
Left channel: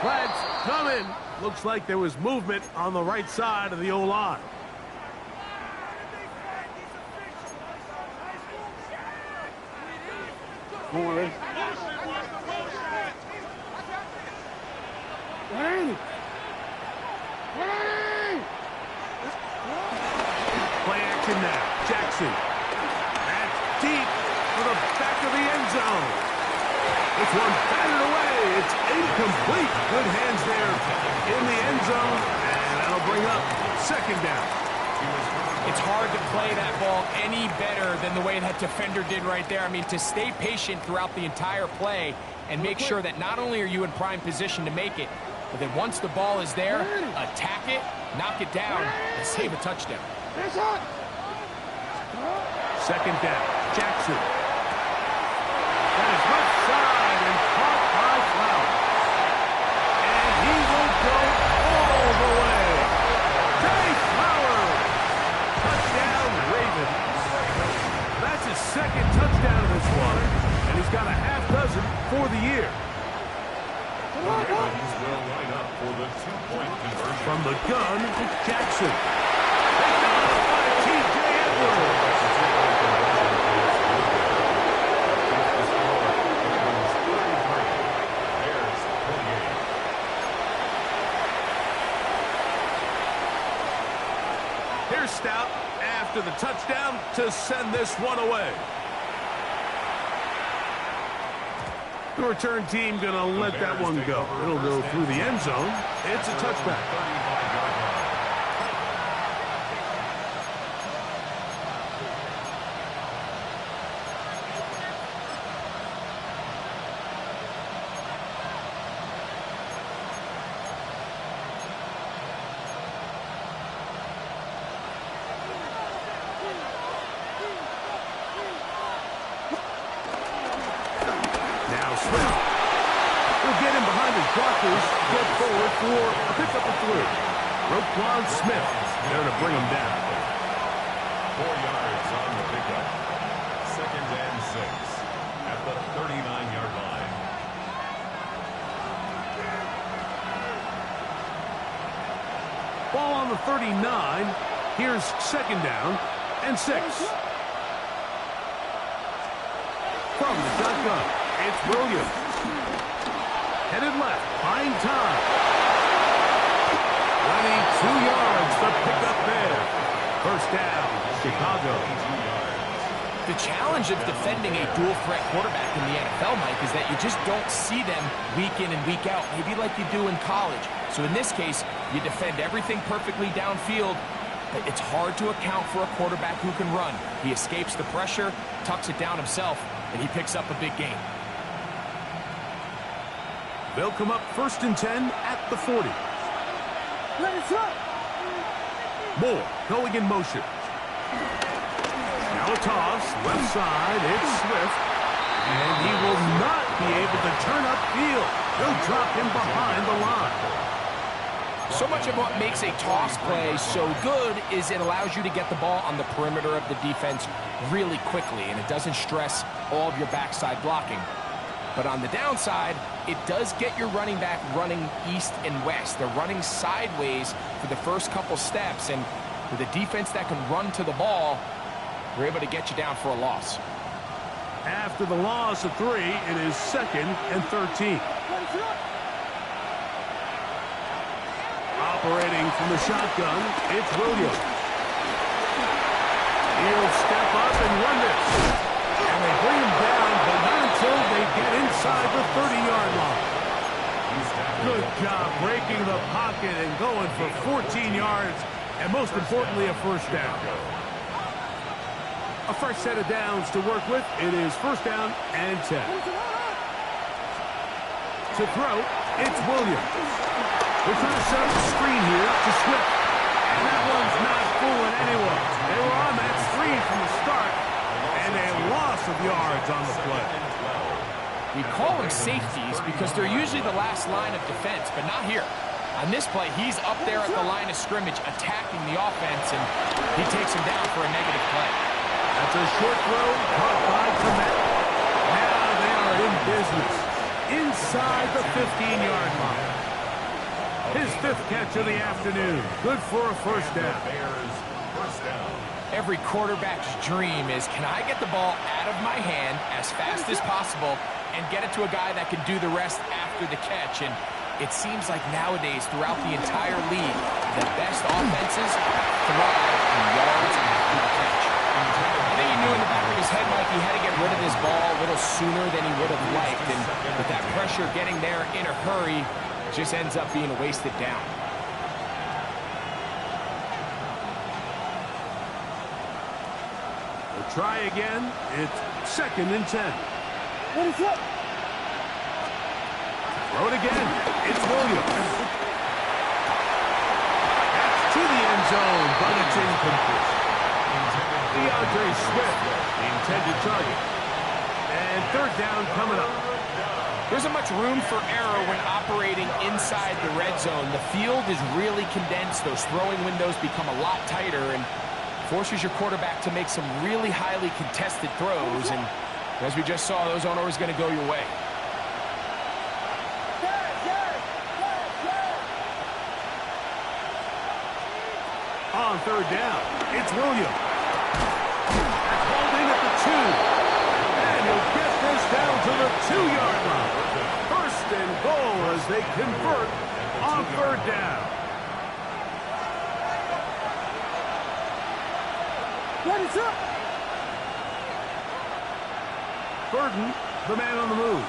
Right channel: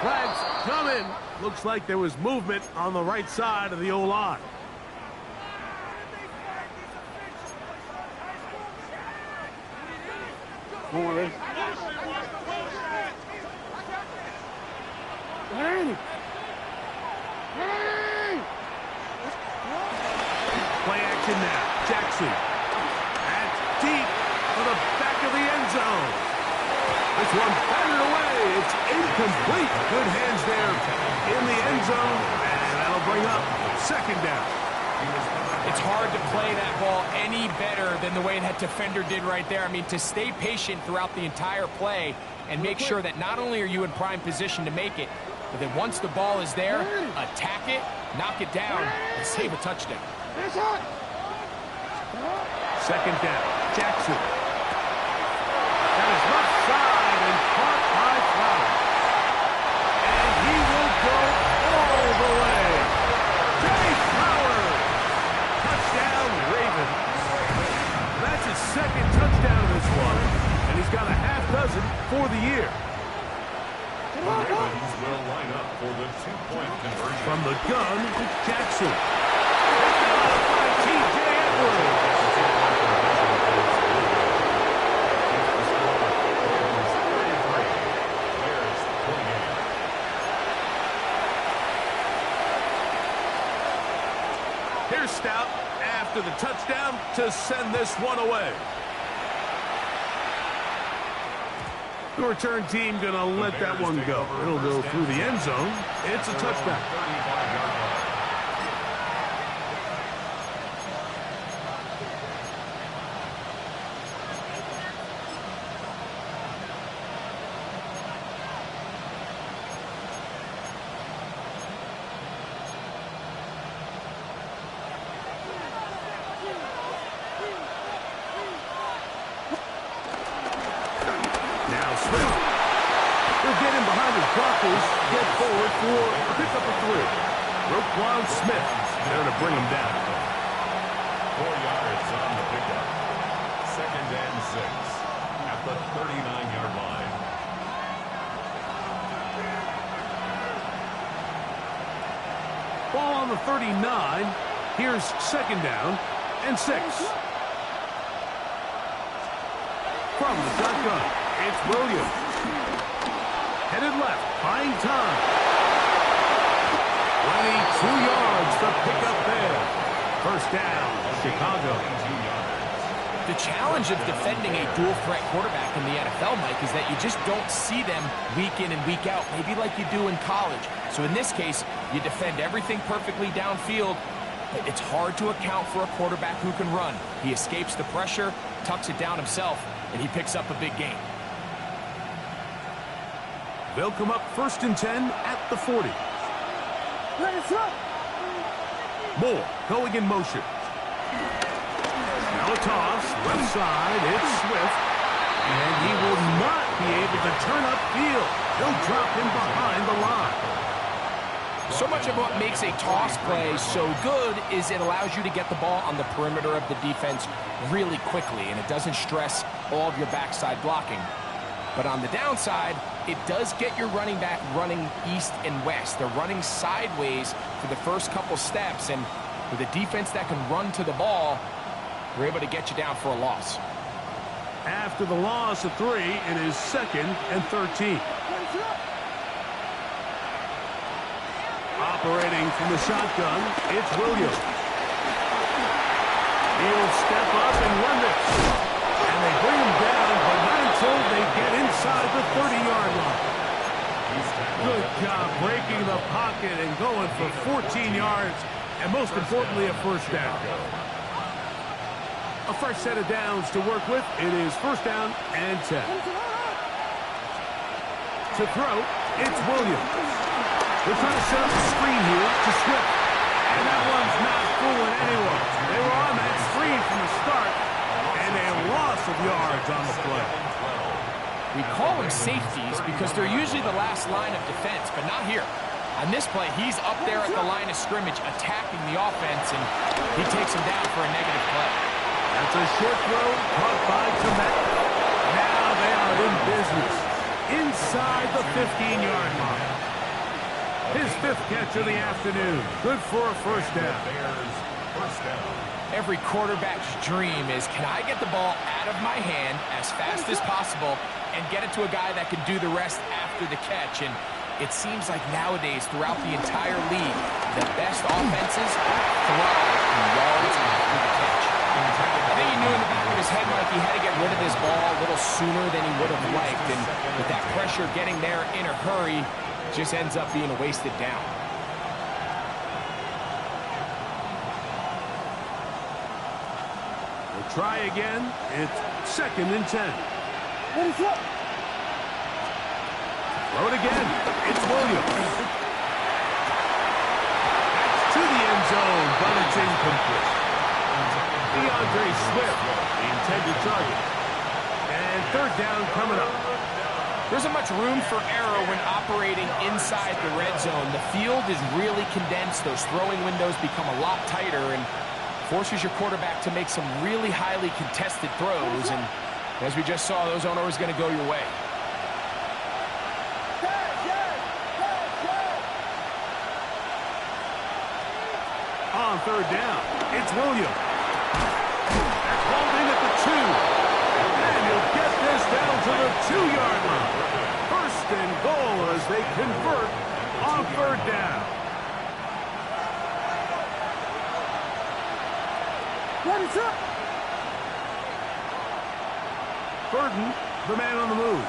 Flags coming. Looks like there was movement on the right side of the O-line. Come on, Ray. Play action now. Jackson. That's deep for the back of the end zone. This one batted away. It's incomplete. Good hands there in the end zone. And that'll bring up second down. It's hard to play that ball any better than the way that defender did right there. I mean, to stay patient throughout the entire play and make sure that not only are you in prime position to make it, but that once the ball is there, attack it, knock it down, and save a touchdown. Second down. Jackson. That is left side and caught by Flowers. And he will go all the way. Jay Flowers. Touchdown, Ravens. That's his second touchdown of this one, and he's got a half dozen for the year. The Ravens will line up for the two-point conversion. From the gun, Jackson. Picked off by T.J. Edwards. Here's Stout after the touchdown to send this one away. The return team going to let that one go. It'll go through the end zone. It's a touchback. 35-yard line. Blockers get forward for a pickup of 3. Roquan Smith there to bring him down. 4 yards on the pickup. 2nd and 6 at the 39-yard line. Ball on the 39. Here's 2nd down and 6. From the shotgun, it's Williams. Headed left, buying time. 22 yards to pick up there. First down, Chicago. The challenge of defending a dual-threat quarterback in the NFL, Mike, is that you just don't see them week in and week out, maybe like you do in college. So in this case, you defend everything perfectly downfield, but it's hard to account for a quarterback who can run. He escapes the pressure, tucks it down himself, and he picks up a big gain. They'll come up 1st and 10 at the 40. Moore going in motion. Now a toss, left side, it's Swift. And he will not be able to turn upfield. They'll drop him behind the line. So much of what makes a toss play so good is it allows you to get the ball on the perimeter of the defense really quickly, and it doesn't stress all of your backside blocking. But on the downside, it does get your running back running east and west. They're running sideways for the first couple steps, and with a defense that can run to the ball, we're able to get you down for a loss. After the loss of 3, it is 2nd and 13. Operating from the shotgun, it's Williams. He'll step up and run this. And they bring him down, but not until they get inside the 30-yard line. Good job breaking the pocket and going for 14 yards, and most importantly, a first down. A fresh set of downs to work with. It is 1st down and 10. To throw, it's Williams. They're trying to set up the screen here to Swift. And that one's not fooling anyone. They were on that screen from the start, and a loss of yards on the play. We call them safeties because they're usually the last line of defense, but not here. On this play, he's up there at the line of scrimmage attacking the offense, and he takes him down for a negative play. That's a short throw caught by Komet. Now they are in business inside the 15-yard line. His 5th catch of the afternoon. Good for a first down. Every quarterback's dream is, can I get the ball out of my hand as fast as possible and get it to a guy that can do the rest after the catch? And it seems like nowadays, throughout the entire league, the best offenses thrive in yards after the catch. I think he knew in the back of his head, Mike, he had to get rid of this ball a little sooner than he would have liked. And with that pressure getting there in a hurry, just ends up being a wasted down. We'll try again. It's 2nd and 10. Throw it again. It's Williams. That's to the end zone, but it's incomplete. DeAndre Swift, the intended target. And 3rd down coming up. There isn't much room for error when operating inside the red zone. The field is really condensed. Those throwing windows become a lot tighter and forces your quarterback to make some really highly contested throws. And as we just saw, those aren't always going to go your way. On 3rd down, it's Williams. That's hauled in at the 2. And he'll get this down to the 2-yard line. 1st and goal as they convert on 3rd down. Burden, the man on the move.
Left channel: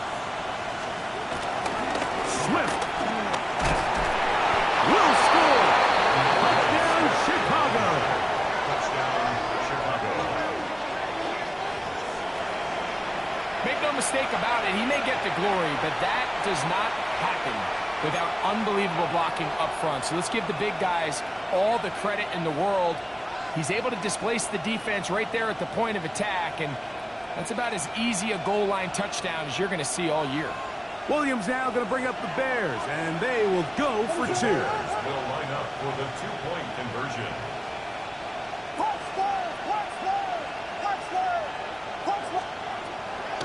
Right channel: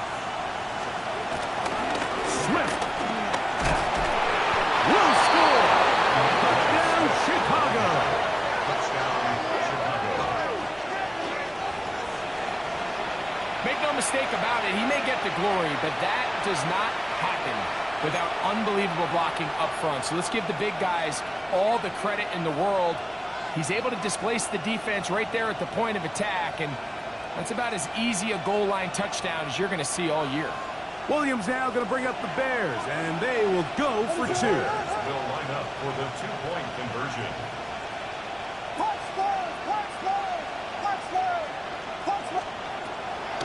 Swift will score. Touchdown, Chicago. Touchdown, Chicago. Make no mistake about it, he may get the glory, but that does not happen without unbelievable blocking up front. So let's give the big guys all the credit in the world. He's able to displace the defense right there at the point of attack, and that's about as easy a goal line touchdown as you're going to see all year. Williams now going to bring up the Bears, and they will go for 2. Will line up for the 2-point conversion.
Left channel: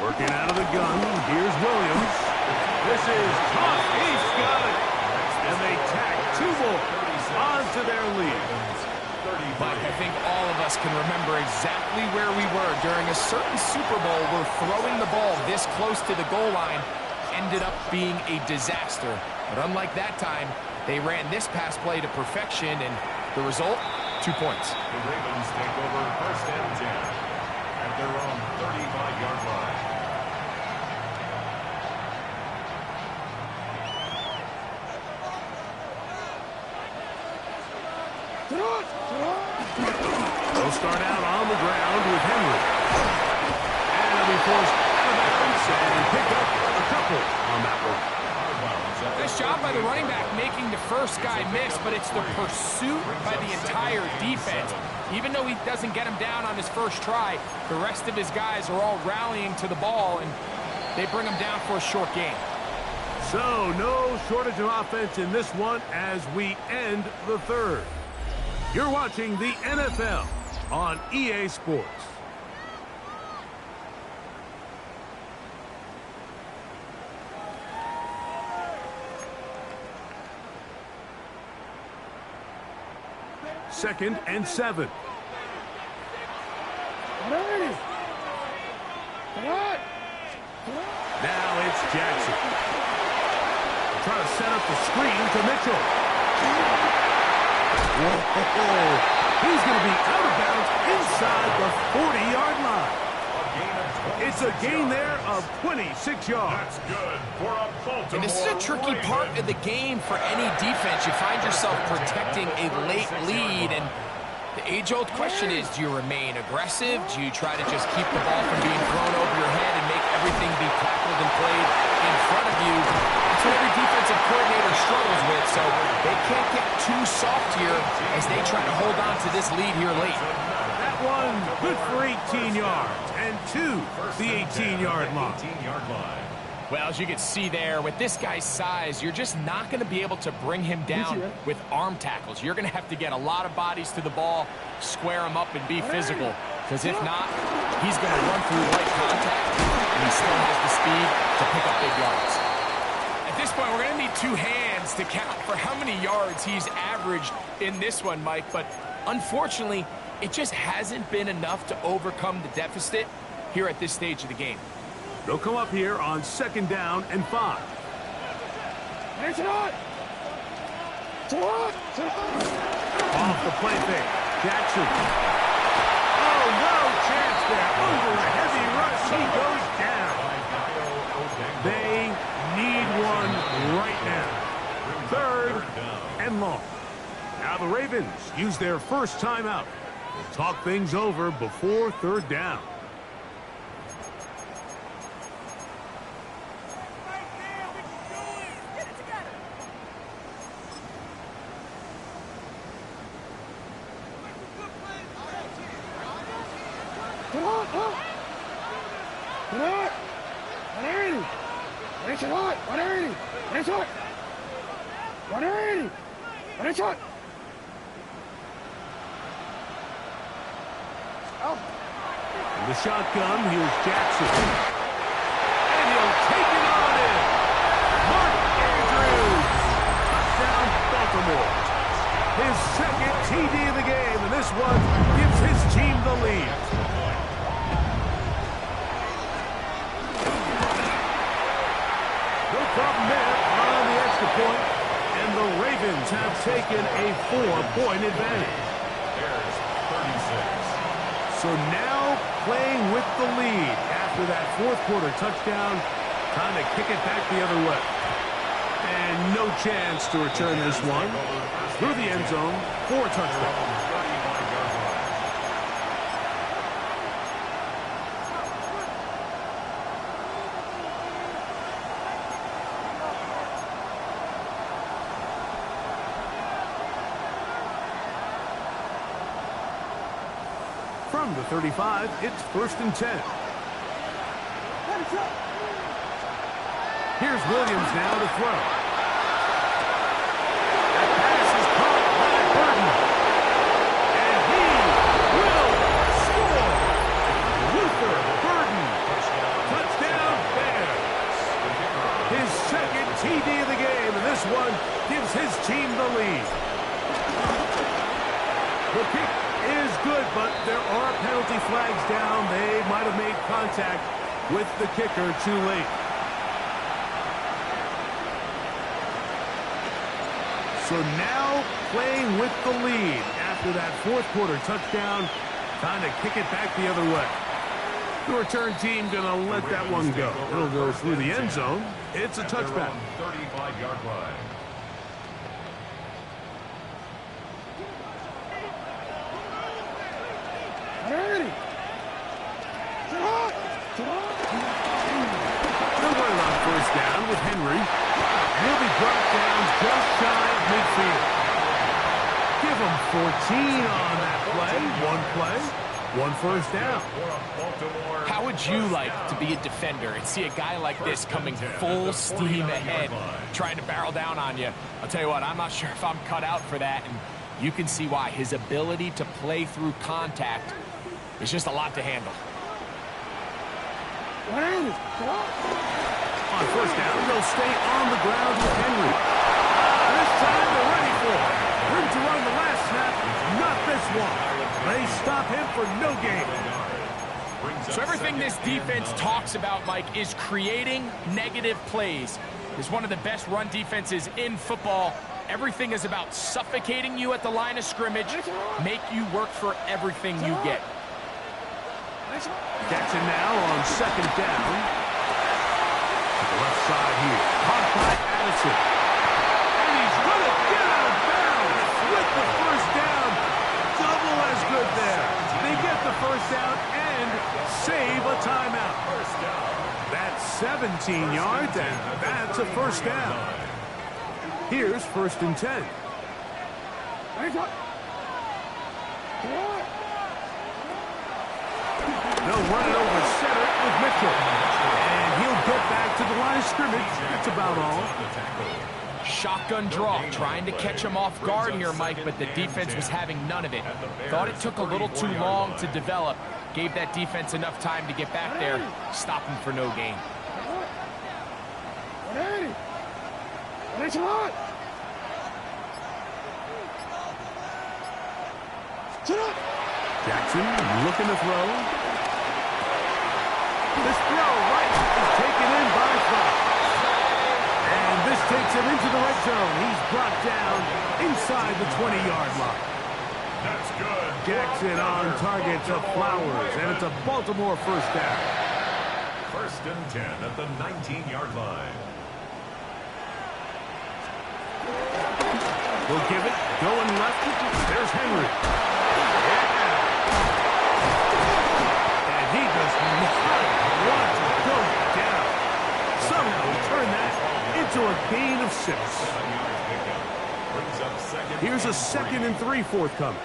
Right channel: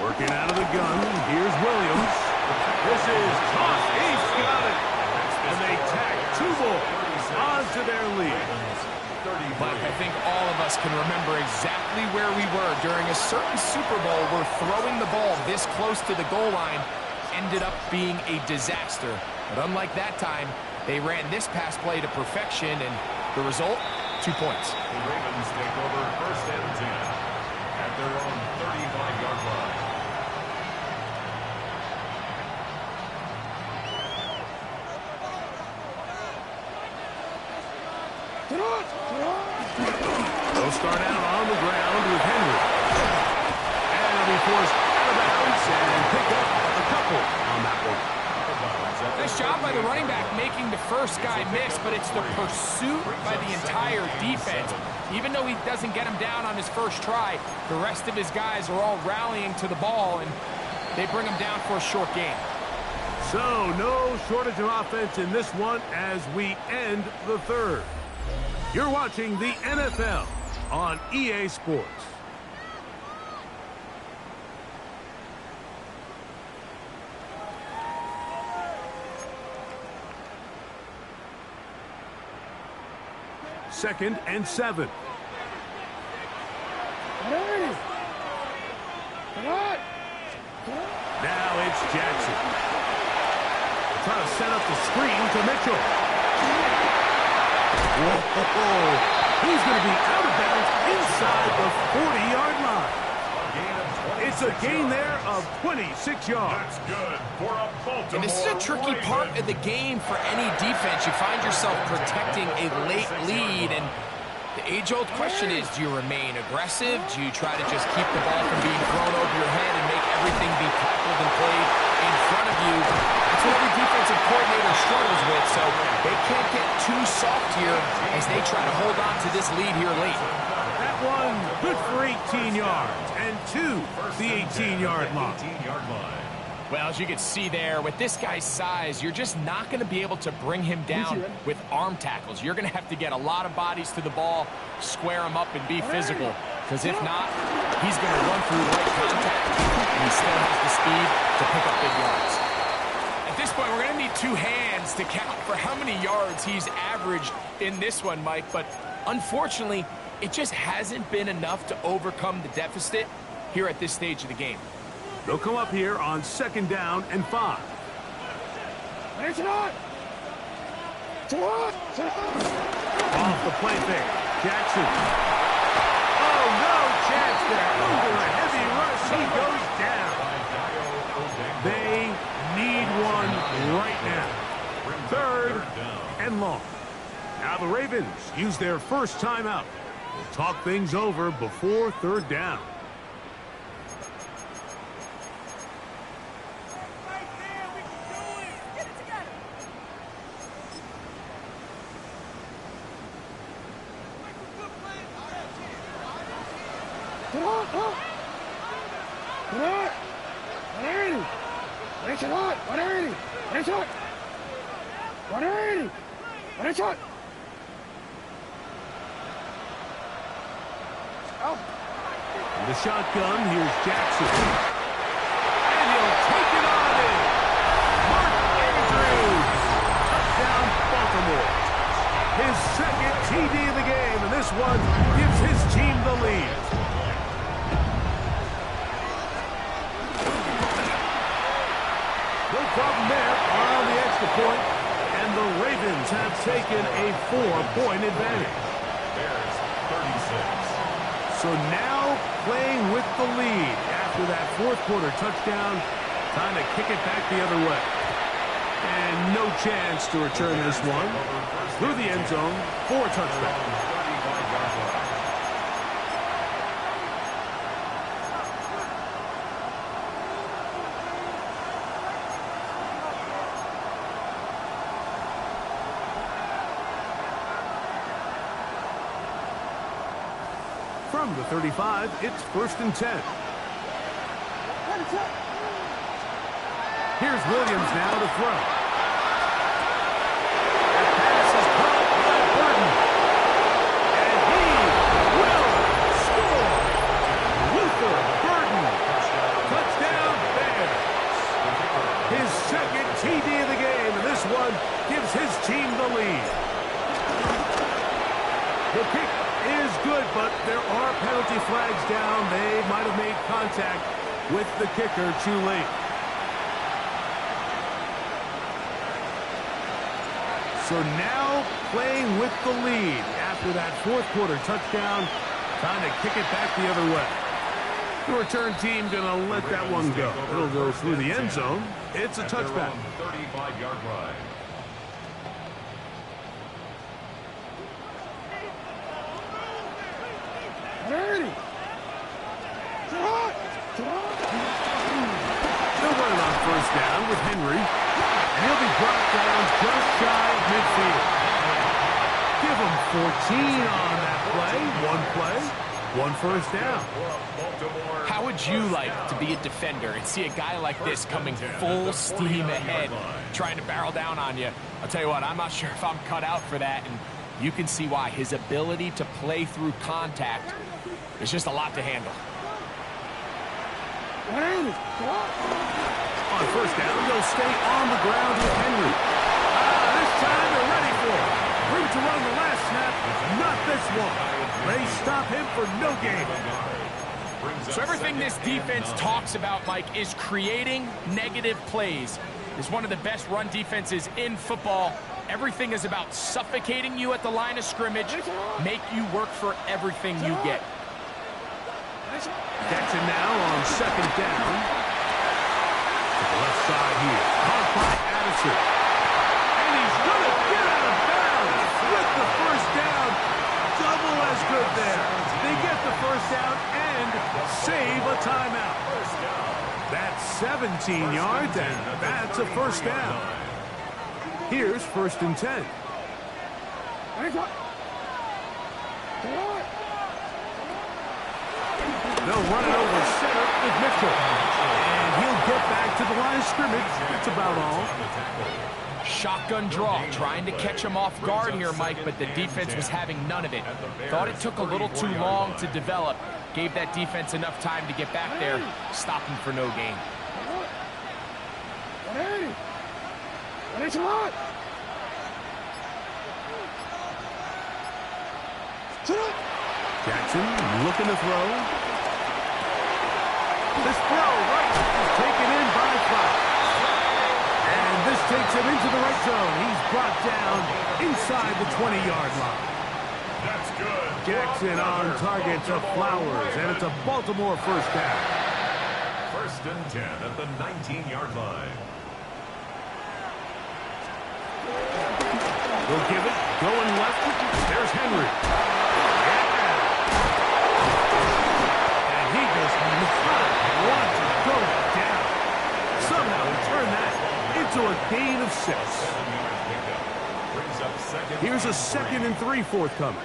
Working out of the gun, here's Williams. This is tough. He's got it. And they tack 2 more onto their lead. Mike, I think all of us can remember exactly where we were during a certain Super Bowl where throwing the ball this close to the goal line ended up being a disaster. But unlike that time, they ran this pass play to perfection, and the result, 2 points. The Ravens take over 1st and 10 at their own 35-yard line. They'll start out on the ground with Henry. And he'll be forced out of bounds and pick up a couple on that one. Nice job by the running back making the first guy miss, but it's the pursuit by the entire defense. Even though he doesn't get him down on his first try, the rest of his guys are all rallying to the ball, and they bring him down for a short gain. So, no shortage of offense in this one as we end the 3rd. You're watching the NFL on EA Sports. Second and 7. Now it's Jackson. Trying to set up the screen to Mitchell. Whoa! He's going to be out of bounds inside the 40-yard line. It's a gain there of 26 yards. That's good for a Baltimore. And this is a tricky part of the game for any defense. You find yourself protecting a late lead, and the age-old question is, do you remain aggressive? Do you try to just keep the ball from being thrown over your head and make everything be tackled and played in front of you? That's what every defensive defensive coordinator struggles with, so they can't get too soft here as they try to hold on to this lead here late. That one good for 18 yards and to the 18-yard line. Well, as you can see there, with this guy's size, you're just not going to be able to bring him down with arm tackles. You're going to have to get a lot of bodies to the ball, square him up, and be physical. Because if not, he's going to run through light contact, and he still has the speed to pick up big yards. At this point, we're going to need two hands to count for how many yards he's averaged in this one, Mike. But unfortunately, it just hasn't been enough to overcome the deficit here at this stage of the game. They'll come up here on 2nd down and 5. Off the play fake. Jackson. Oh, no chance there. Under a heavy rush, he goes down. They need one right now. 3rd and long. Now the Ravens use their first timeout. We'll talk things over before 3rd down. The shotgun, here's Jackson. And he'll take it on in. Mark Andrews. Touchdown, Baltimore. His 2nd TD of the game, and this one gives his team the lead. No problem there on the extra point, and the Ravens have taken a 4-point advantage. Bears 36. So now playing with the lead after that 4th quarter touchdown, time to kick it back the other way. And no chance to return this one through the end zone for a touchdown. From the 35, it's 1st and 10. Here's Williams now to throw. That pass is caught by Burton. And he will score. Luther Burton. Touchdown Bears. His 2nd TD of the game, and this one gives his team the lead. The kick is good, but there are penalty flags down. They might have made contact with the kicker too late. So now playing with the lead after that 4th quarter touchdown. Time to kick it back the other way. The return team going to let that one go. It'll go through the end zone. It's a touchback. 35-yard line. They'll run it on 1st down with Henry. And he'll be brought down just shy of midfield. Give him 14 on that play. One play, 1 first down. How would you like to be a defender and see a guy like this coming full steam ahead, trying to barrel down on you? I'll tell you what, I'm not sure if I'm cut out for that, and you can see why. His ability to play through contact is just a lot to handle. On 1st down, they'll stay on the ground with Henry. This time they're ready for it. Room to run the last snap, not this one. They stop him for no gain. So everything this defense talks about, Mike, is creating negative plays. It's one of the best run defenses in football. Everything is about suffocating you at the line of scrimmage, make you work for everything you get. Jackson now on 2nd down. To the left side here. Caught by Addison. And he's going to get out of bounds with the 1st down. Double as good there. They get the 1st down and save a timeout. That's 17 yards, and that's a 1st down. Here's 1st and 10. They'll run it over center with Mitchell. And he'll get back to the line of scrimmage. That's about all. Shotgun draw, trying to catch him off guard here, Mike, but the defense was having none of it. Thought it took a little too long to develop. Gave that defense enough time to get back there. Stop him for no gain. Jackson looking to throw. This throw right is taken in by Fox. And this takes him into the right zone. He's brought down inside the 20-yard line. That's good. Jackson on target to Flowers, and it's a Baltimore 1st down. 1st and 10 at the 19-yard line. They'll give it, going left. There's Henry. Yeah. And he does not want to go down. Somehow he turned that into a gain of 6. 7-yard pickup. Brings up 2nd. Here's a 2nd and 3 forthcoming.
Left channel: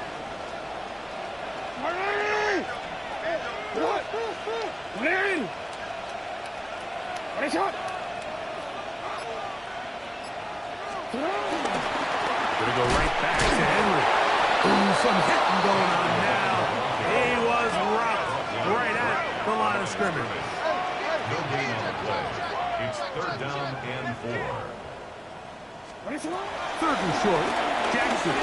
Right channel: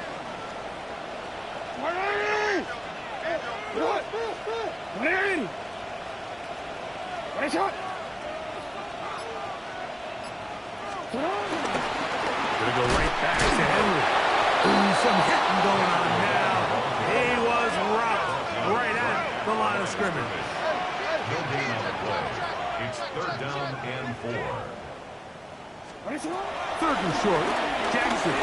Gonna go right back to Henry. Ooh, some hitting going on now. He was rocked right at the line of scrimmage. No gain on the play. It's 3rd down and 4. 3rd and short. Jackson.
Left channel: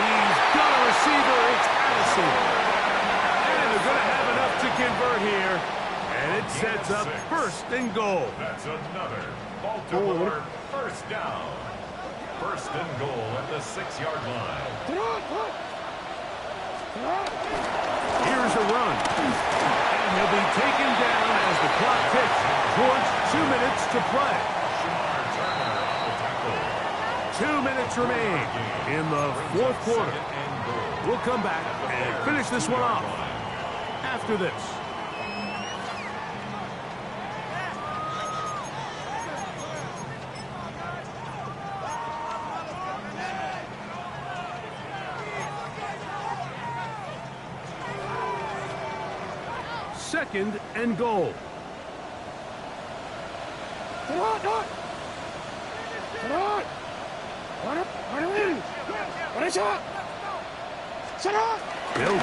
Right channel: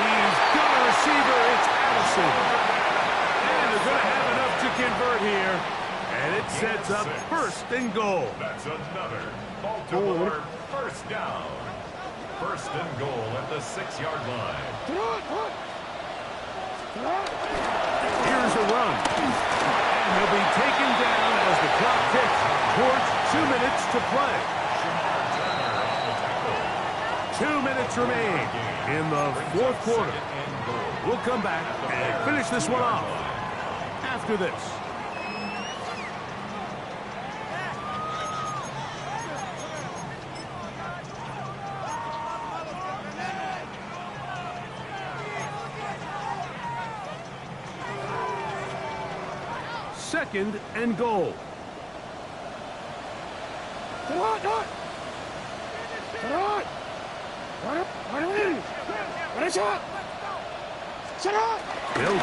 He's got a receiver. It's Addison. And they're going to have enough to convert here. And it sets up 1st and goal. That's another Baltimore 1st down. 1st and goal at the 6-yard line. Here's a run. And he'll be taken down as the clock ticks towards 2 minutes to play. Shamar Turner on the tackle. 2 minutes remain in the 4th quarter. 2nd and goal. We'll come back and finish this one off after this. Second and goal. He'll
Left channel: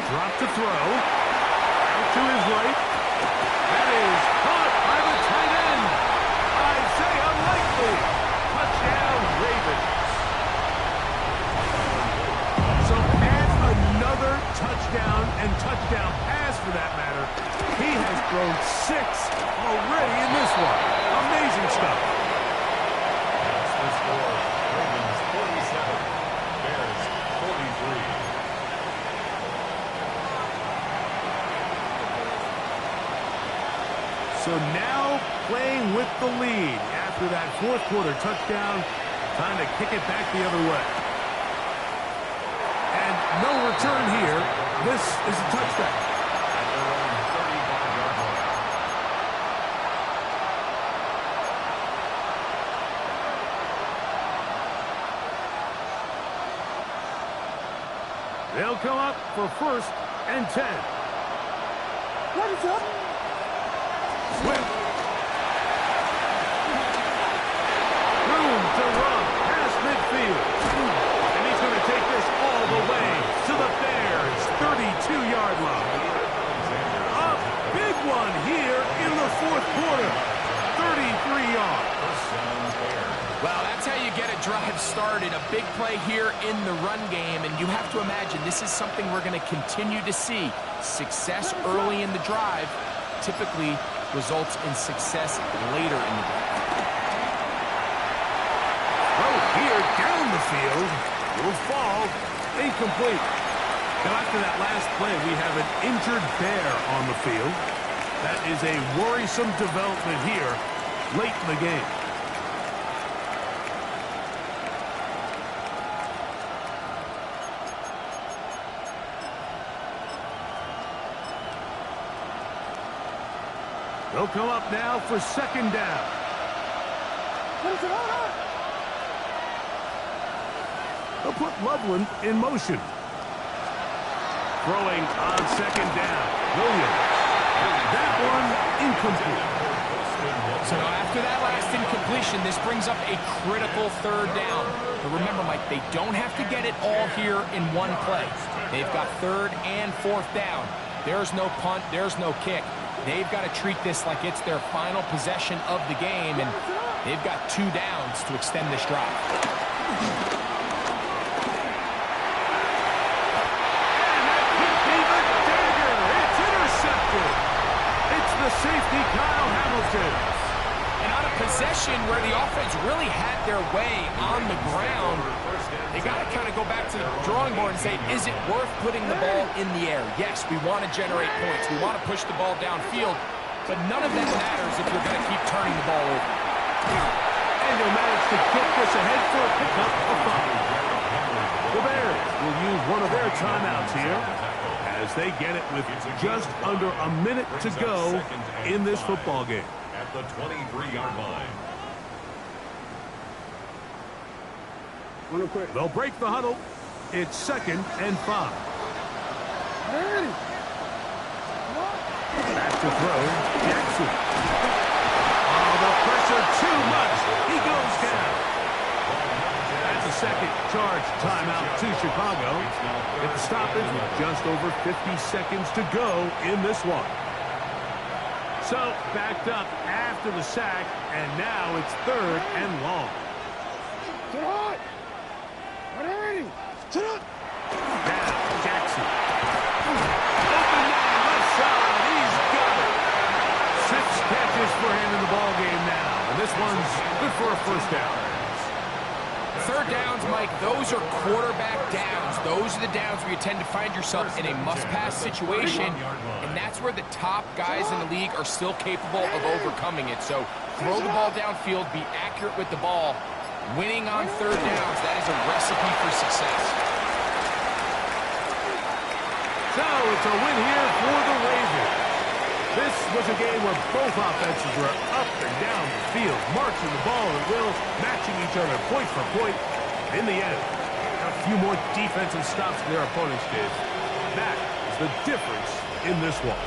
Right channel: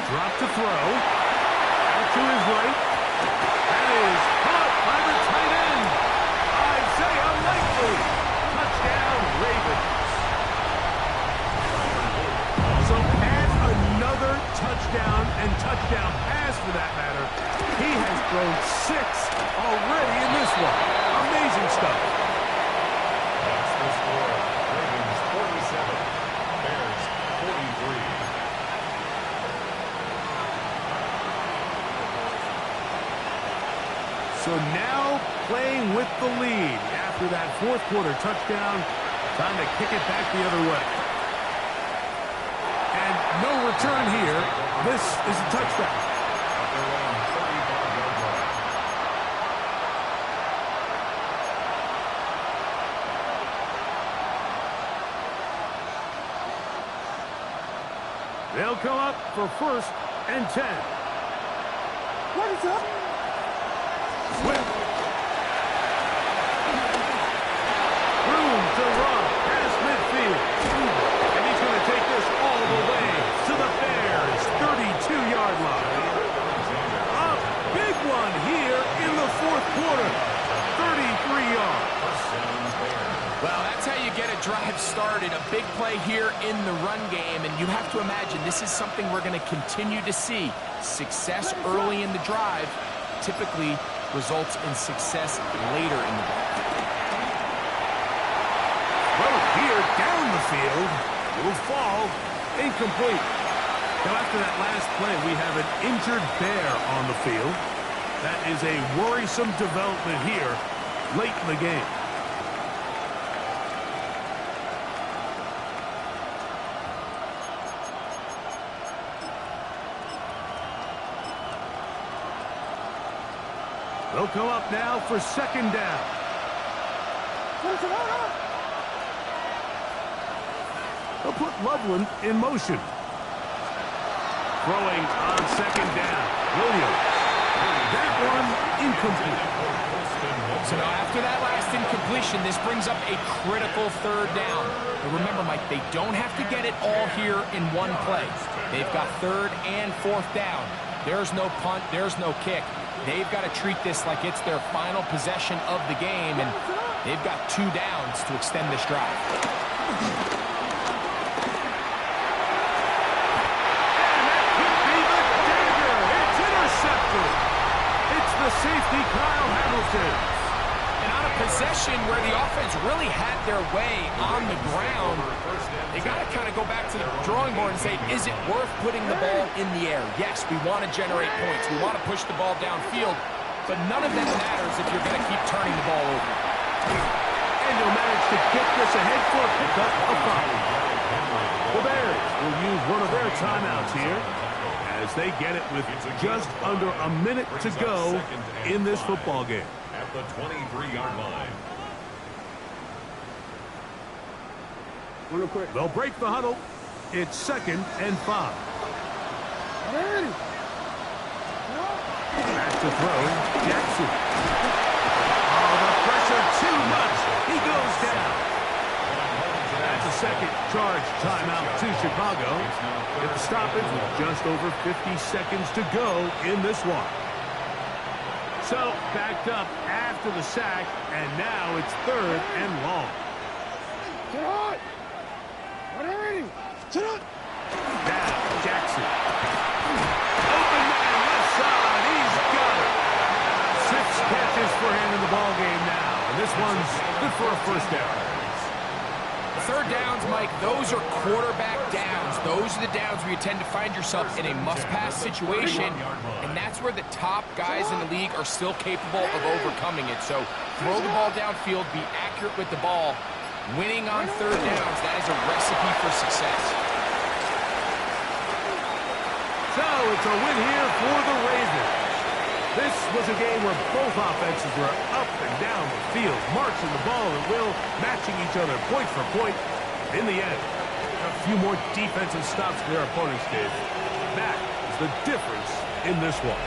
drop to throw. Out to his right. That is caught by the tight end. Isaiah Likely. Touchdown, Ravens. So add another touchdown and touchdown pass for that matter. He has thrown 6 already in this one. Amazing stuff. That's the score. Ravens 47. Bears 43. So now playing with the lead after that 4th quarter touchdown. Time to kick it back the other way. And no return here. This is a touchdown. At their own 35-yard line. They'll come up for 1st and 10. What is up? Swift. Room to run past midfield. And he's going to take this all the way to the Bears' 32-yard line. A big one here in the 4th quarter. 33 yards. First down, Bears. Well, that's how you get a drive started. A big play here in the run game, and you have to imagine this is something we're going to continue to see. Success early in the drive typically results in success later in the drive. Throw here down the field. Will fall. Incomplete. Now, after that last play, we have an injured Bear on the field. That is a worrisome development here late in the game. They'll come up now for 2nd down. They'll put Loveland in motion. Throwing on second down. Williams. That one incomplete. So now after that last incompletion, this brings up a critical third down. But remember, Mike, they don't have to get it all here in one play. They've got third and fourth down. There's no punt, there's no kick. They've got to treat this like it's their final possession of the game, and they've got 2 downs to extend this drive. It's the safety, Kyle Hamilton. And on a possession where the offense really had their way on the ground, they got to kind of go back to the drawing board and say, is it worth putting the ball in the air? Yes, we want to generate points. We want to push the ball downfield, but none of that matters if you're going to keep turning the ball over. And they'll manage to get this ahead for a pickup of 5. The Bears will use one of their timeouts here, as they get it with just under a minute to go in this football game. At the 23-yard line. They'll break the huddle. It's 2nd and 5. Back to throw. Jackson. Oh, the pressure too much. He goes down. That's a second charge timeout to Chicago. Get the stoppage with just over 50 seconds to go in this one. So, backed up after the sack, and now it's 3rd and long. Now, Jackson. Open man, left side, he's got it. 6 catches for him in the ball game now, and this one's good for a first down. Third downs, Mike, those are quarterback downs. Those are the downs where you tend to find yourself in a must-pass situation, and that's where the top guys in the league are still capable of overcoming it. So throw the ball downfield, be accurate with the ball. Winning on third downs, that is a recipe for success. So it's a win here for the Ravens. This was a game where both offenses were up and down the field, marching the ball at will, matching each other point for point. In the end, a few more defensive stops for their opponents did. That is the difference in this one.